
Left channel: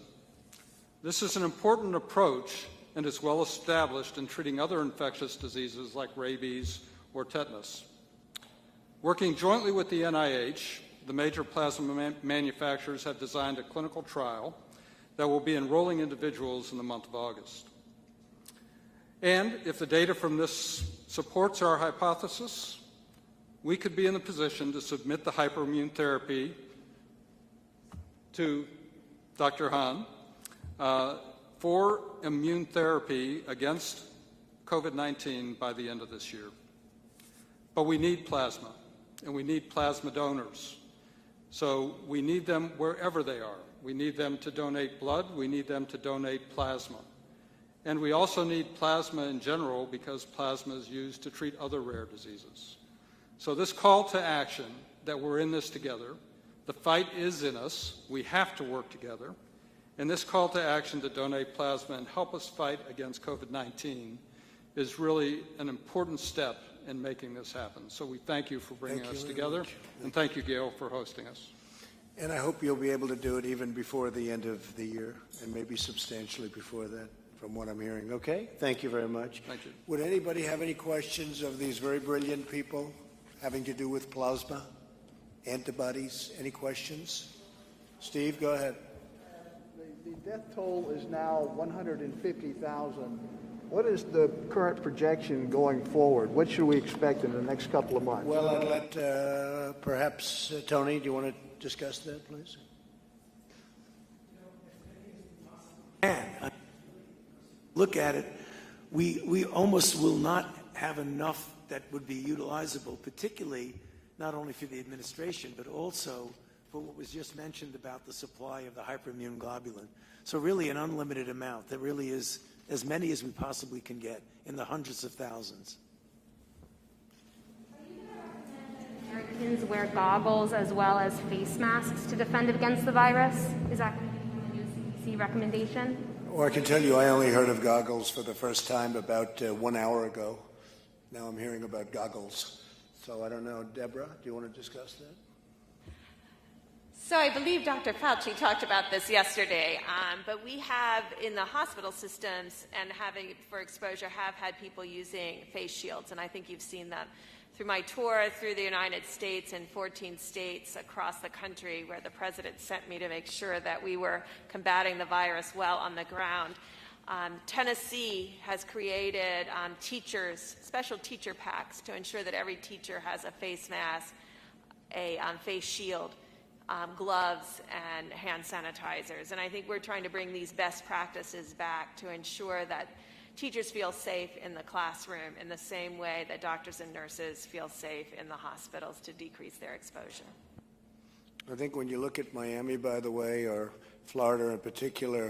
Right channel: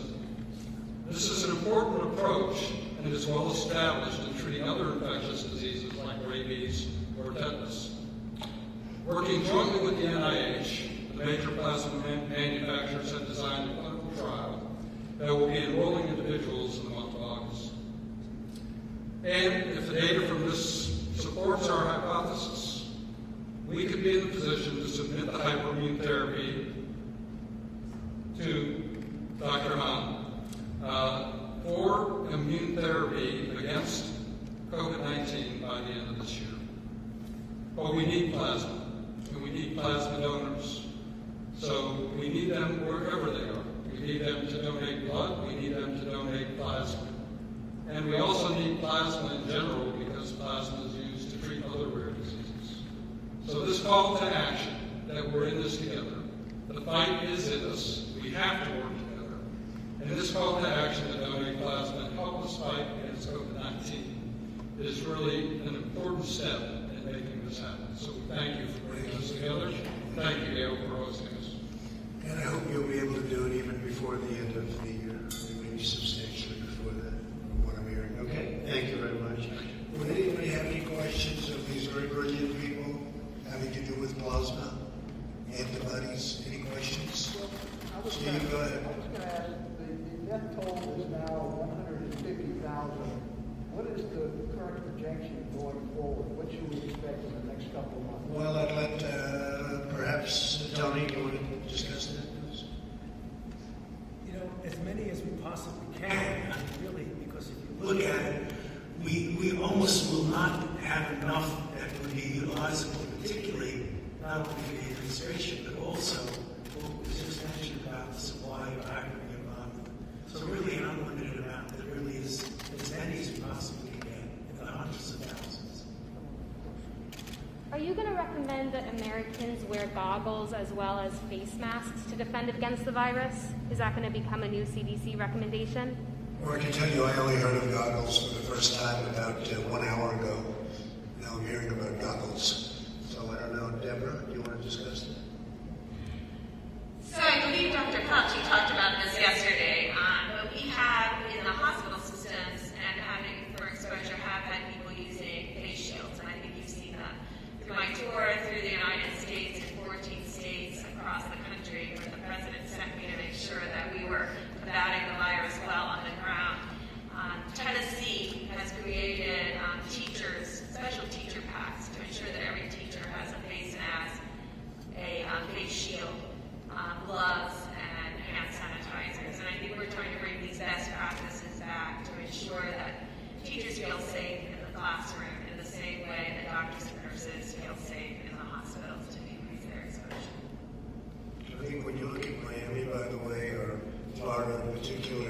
This is an important approach and is well established in treating other infectious diseases like rabies or tetanus. Working jointly with the NIH, the major plasma manufacturers have designed a clinical trial that will be enrolling individuals in the month of August. And if the data from this supports our hypothesis, we could be in a position to submit the hyperimmune therapy to Dr. Hahn for immune therapy against COVID-19 by the end of this year. But we need plasma, and we need plasma donors. So we need them wherever they are. We need them to donate blood, we need them to donate plasma. And we also need plasma in general because plasma is used to treat other rare diseases. So this call to action, that we're in this together, the fight is in us, we have to work together. And this call to action to donate plasma and help us fight against COVID-19 is really an important step in making this happen. So we thank you for bringing us together, and thank you, Gail, for hosting us. And I hope you'll be able to do it even before the end of the year, and maybe substantially before that, from what I'm hearing. Okay? Thank you very much. Thank you. Would anybody have any questions of these very brilliant people having to do with plasma, antibodies? Any questions? Steve, go ahead. I was going to ask, the death toll is now 150,000. What is the current projection going forward? What should we expect in the next couple of months? Well, I'd like perhaps, Tony, do you want to discuss that, please? You know, as many as we possibly can, really, because if you look at it, we almost will not have enough that would be utilizable, particularly not only for the administration, but also what was just mentioned about the supply of hyperimmunoglobulin. So really an unlimited amount that really is as many as we possibly can get in the hundreds of thousands. Are you going to recommend that Americans wear goggles as well as face masks to defend against the virus? Is that going to become a new CDC recommendation? Well, I can tell you I only heard of goggles for the first time about 1 hour ago. Now I'm hearing about goggles. So I don't know, Deborah, do you want to discuss it? So I believe Dr. Fauci talked about this yesterday, but we have in the hospital systems and having for exposure have had people using face shields, and I think you've seen them through my tour through the United States and 14 states across the country where the president sent me to make sure that we were combating the virus well on the ground. Tennessee has created special teacher packs to ensure that every teacher has a face mask, a face shield, gloves, and hand sanitizers. And I think we're trying to bring these best practices back to ensure that teachers feel safe in the classroom in the same way that doctors and nurses feel safe in the hospitals to decrease their exposure. I think when you look at Miami, by the way, or Florida in particular,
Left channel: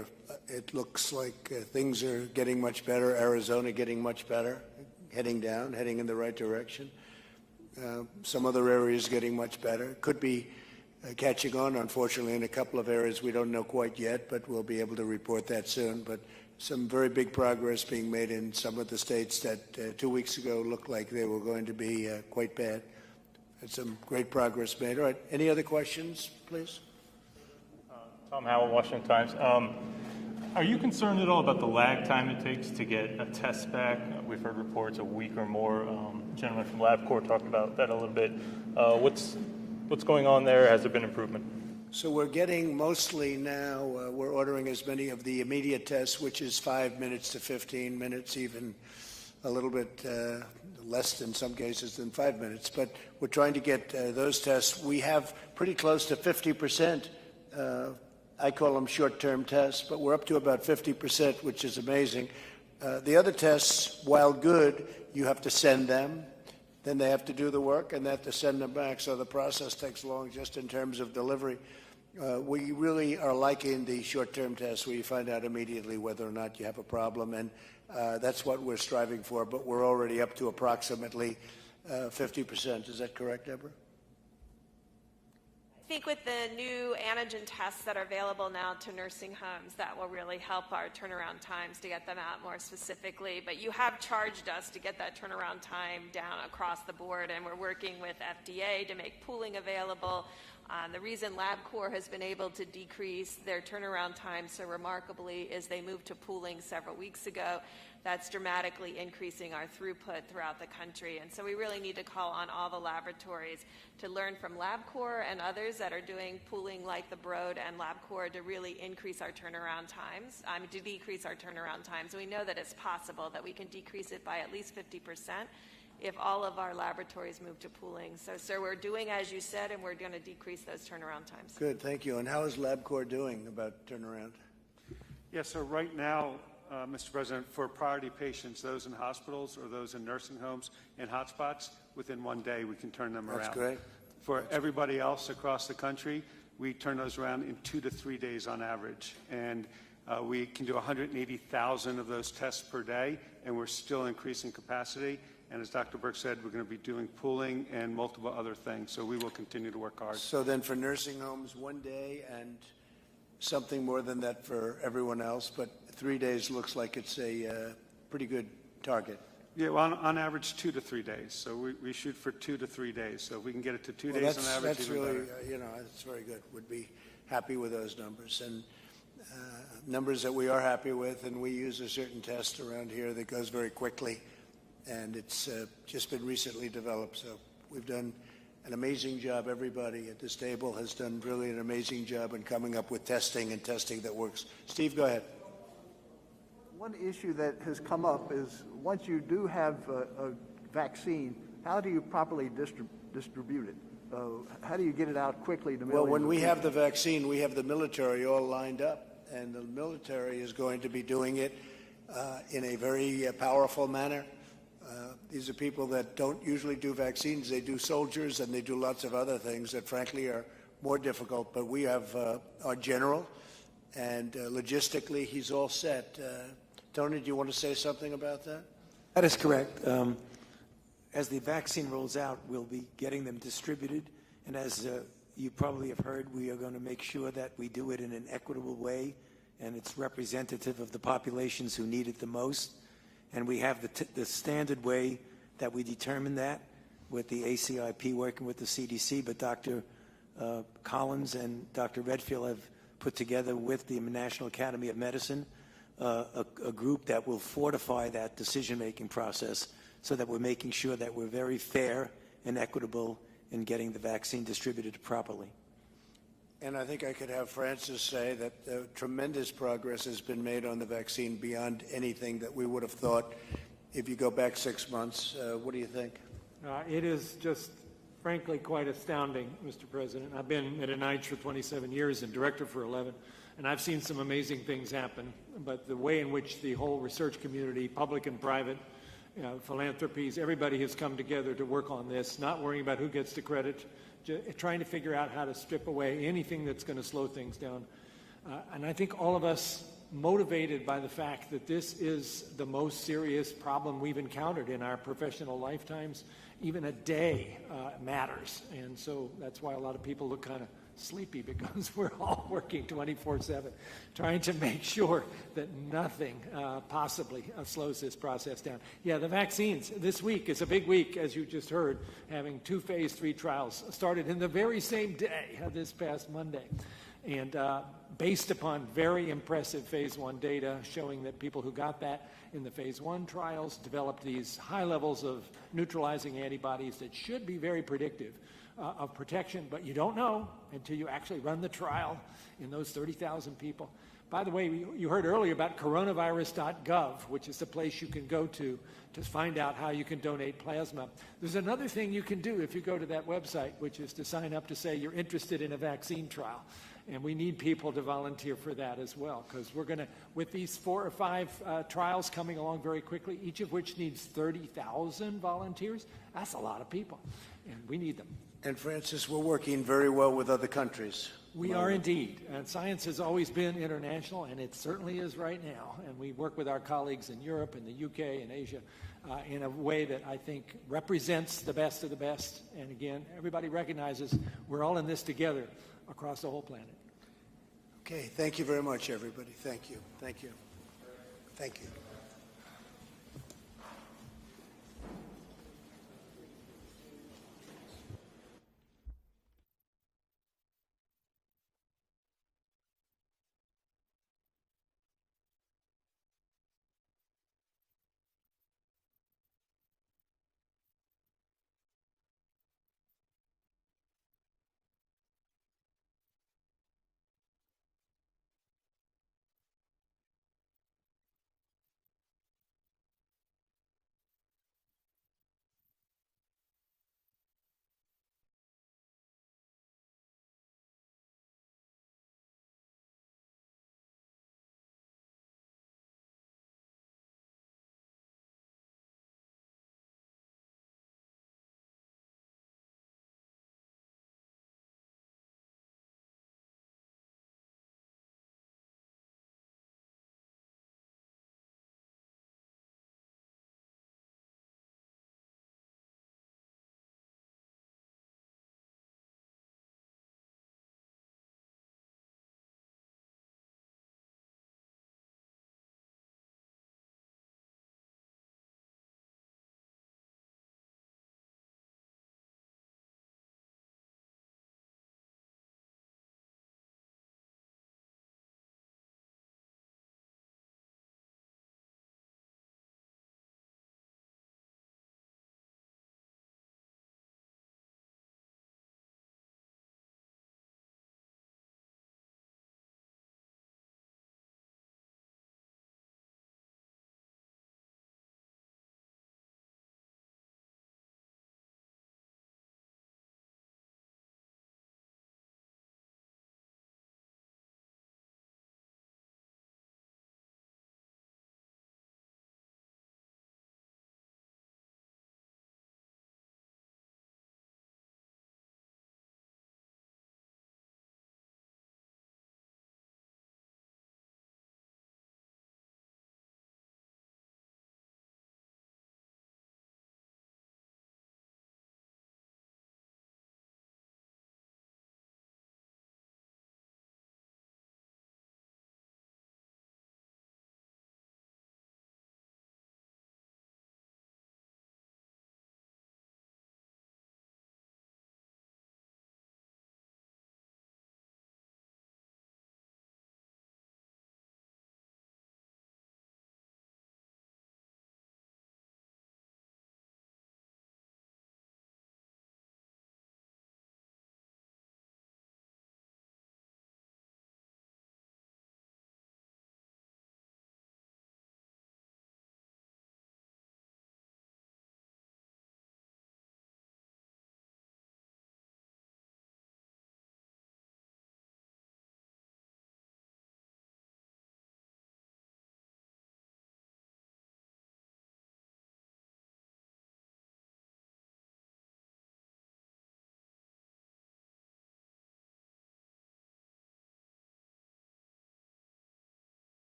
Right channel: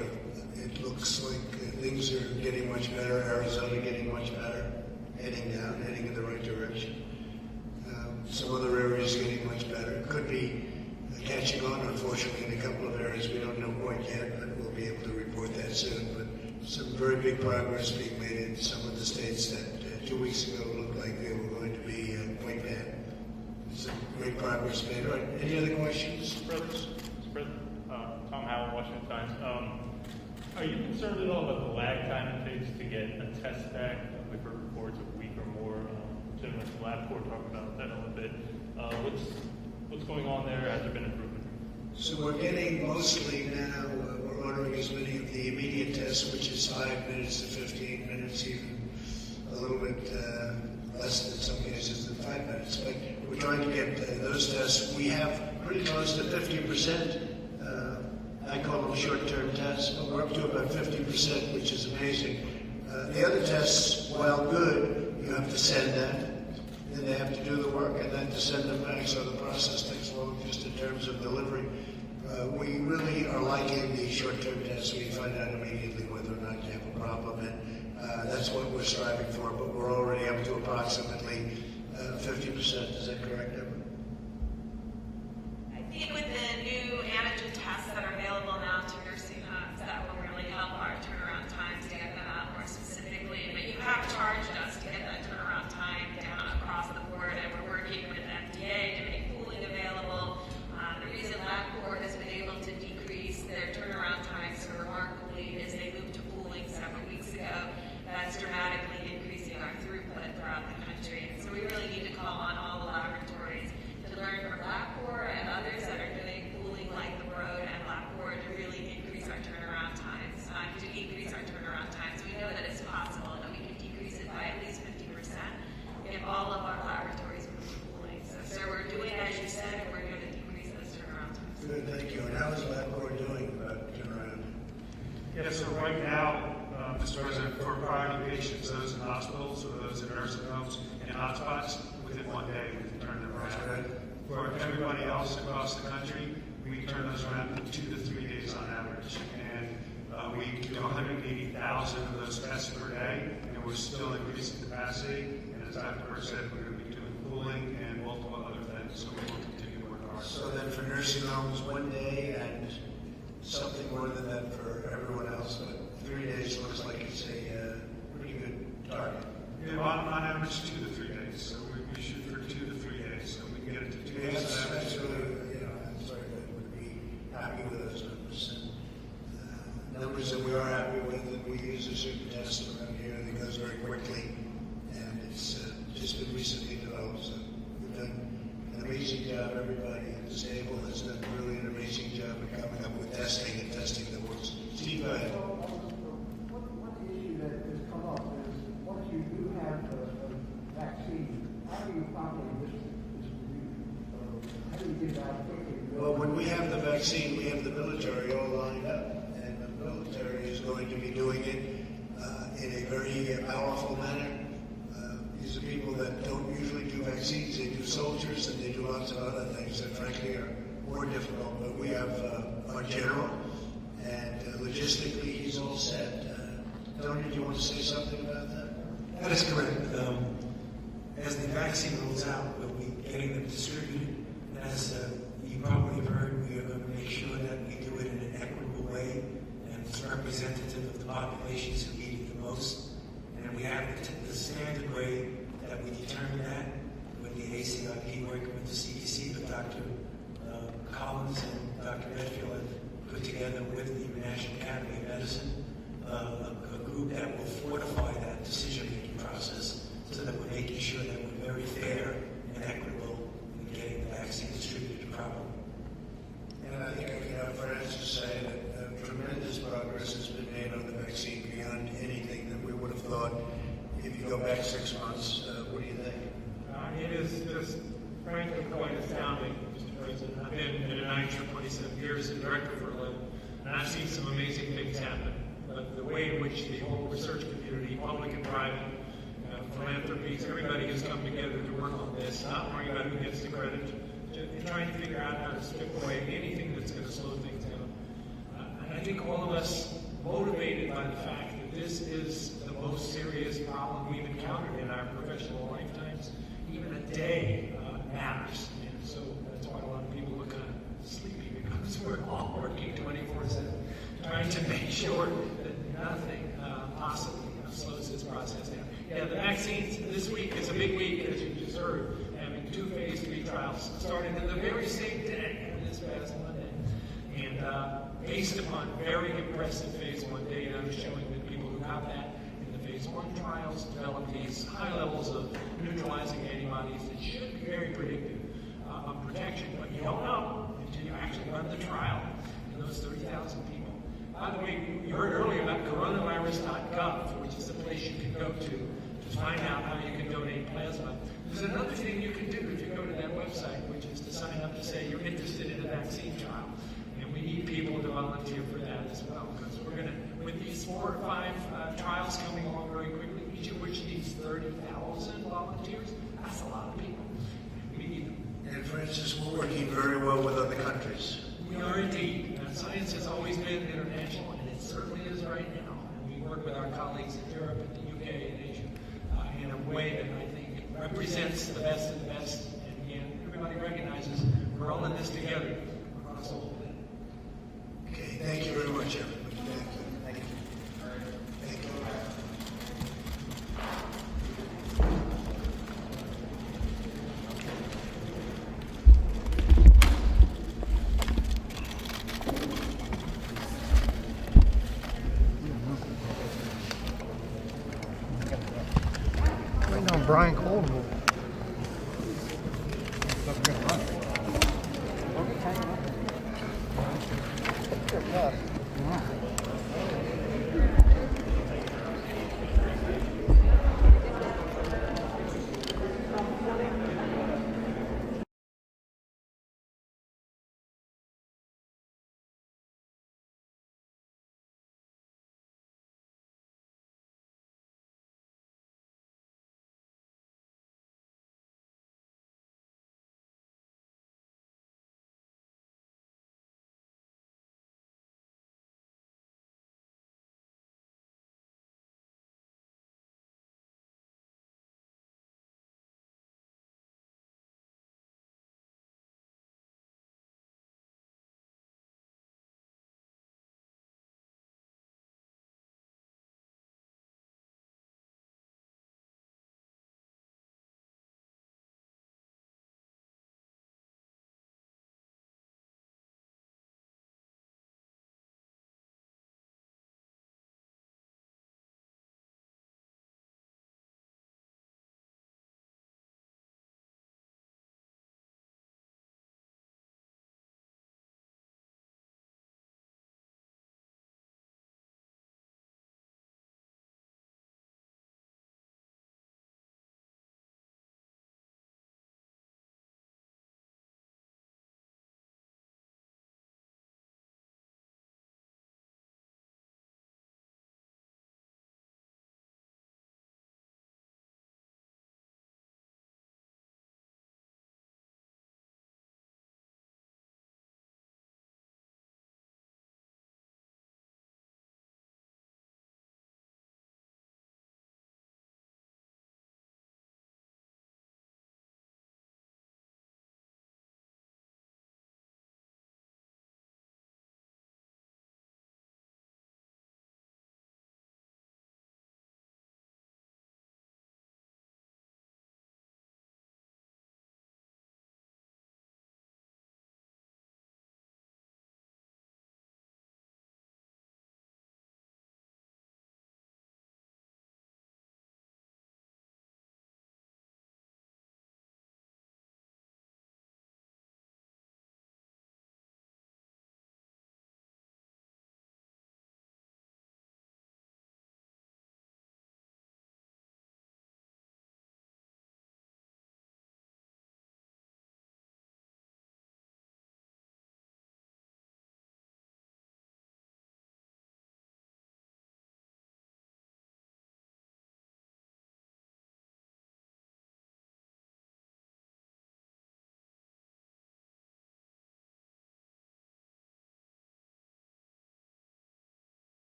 it looks like things are getting much better. Arizona getting much better, heading in the right direction. Some other areas getting much better. Could be catching on, unfortunately, in a couple of areas we don't know quite yet, but we'll be able to report that soon. But some very big progress being made in some of the states that 2 weeks ago looked like they were going to be quite bad. And some great progress made. All right, any other questions? Mr. President, Tom Howell, Washington Times. Are you concerned at all about the lag time it takes to get a test back? We've heard reports a week or more. Gentleman from LabCorp talked about that a little bit. What's going on there? Has there been improvement? So we're getting mostly now, we're ordering as many of the immediate tests, which is 5 minutes to 15 minutes, even a little bit less in some cases than 5 minutes. But we're trying to get those tests. We have pretty close to 50%. I call them short-term tests, but we're up to about 50%, which is amazing. The other tests, while good, you have to send them. Then they have to do the work and they have to send them back, so the process takes long just in terms of delivery. We really are liking the short-term tests where you find out immediately whether or not you have a problem, and that's what we're striving for, but we're already up to approximately 50%. Is that correct, Deborah? I think with the new antigen tests that are available now to nursing homes, that will really help our turnaround times to get them out more specifically. But you have charged us to get that turnaround time down across the board, and we're working with FDA to make pooling available. The reason LabCorp has been able to decrease their turnaround time so remarkably is they moved to pooling several weeks ago. That's dramatically increasing our throughput throughout the country. And so we really need to call on all the laboratories to learn from LabCorp and others that are doing pooling like the Broad and LabCorp to really increase our turnaround times, to decrease our turnaround times. We know that it's possible that we could decrease it by at least 50% if all of our laboratories move to pooling. So, sir, we're doing as you said, and we're going to decrease those turnaround times. Good, thank you. And how's LabCorp doing about turnaround? Yes, so right now, Mr. President, for priority patients, those in hospitals, or those in nursing homes and hotspots, within 1 day we can turn them around. That's good. For everybody else across the country, we turn those around in 2 to 3 days on average. And we can do 180,000 of those tests per day, and we're still increasing capacity. And as Dr. Burke said, we're going to be doing pooling and multiple other things, so we will continue to work hard. So then for nursing homes, 1 day and something more than that for everyone else, but 3 days looks like it's a pretty good target. Yeah, well, on average, 2 to 3 days. So we shoot for 2 to 3 days. So if we can get it to 2 days on average. That's really, that's very good. Would be happy with those numbers. And numbers that we are happy with, and we use a certain test around here that goes very quickly, and it's just been recently developed. So we've done an amazing job. Everybody at this table has done really an amazing job in coming up with testing and testing that works. Steve, go ahead. One issue that has come up is once you do have a vaccine, how do you properly distribute it? How do you get it out quickly? Well, when we have the vaccine, we have the military all lined up, and the military is going to be doing it in a very powerful manner. These are people that don't usually do vaccines. They do soldiers, and they do lots of other things that frankly are more difficult. But we have our general, and logistically, he's all set. Tony, do you want to say something about that? That is correct. As the vaccine rolls out, we'll be getting it distributed. And as you probably heard, we are going to make sure that we do it in an equitable way and it's representative of the populations who need it the most. And we have the standard way that we determine that with the ACIP working with the CDC, but Dr. Collins and Dr. Redfield have put together with the National Academy of Medicine a group that will fortify that decision-making process so that we're making sure that we're very fair and equitable in getting the vaccine distributed properly. And I think I could have Francis say that tremendous progress has been made on the vaccine beyond anything that we would have thought if you go back 6 months. What do you think? It is just, frankly, quite astounding, Mr. President. I've been at NIH for 27 years as director for 11, and I've seen some amazing things happen. But the way in which the whole research community, public and private, philanthropies, everybody has come together to work on this, not worrying about who gets the credit, trying to figure out how to strip away anything that's going to slow things down. And I think all of us, motivated by the fact that this is the most serious problem we've encountered in our professional lifetimes, even a day matters. And so that's why a lot of people look kind of sleepy, because we're all working 24/7, trying to make sure that nothing possibly slows this process down. Yeah, the vaccines, this week is a big week, as you just heard, having 2 phase 3 trials started in the very same day of this past Monday. And based upon very impressive phase 1 data showing that people who got that in the phase 1 trials developed these high levels of neutralizing antibodies that should be very predictive of protection, but you don't know until you actually run the trial in those 30,000 people. By the way, you heard earlier about coronavirus.gov, which is the place you can go to find out how you can donate plasma. There's another thing you can do if you go to that website, which is to sign up to say you're interested in a vaccine trial. And we need people to volunteer for that as well, because we're going to, with these 4 or 5 trials coming along very quickly, each of which needs 30,000 volunteers, that's a lot of people. And we need them. And Francis, we're working very well with other countries. We are indeed. And science has always been international, and it certainly is right now. And we work with our colleagues in Europe and the UK and Asia in a way that I think represents the best of the best. And again, everybody recognizes we're all in this together across the whole planet. Okay, thank you very much, everybody. Thank you. Thank you. Thank you. Waiting on Brian Cole to move.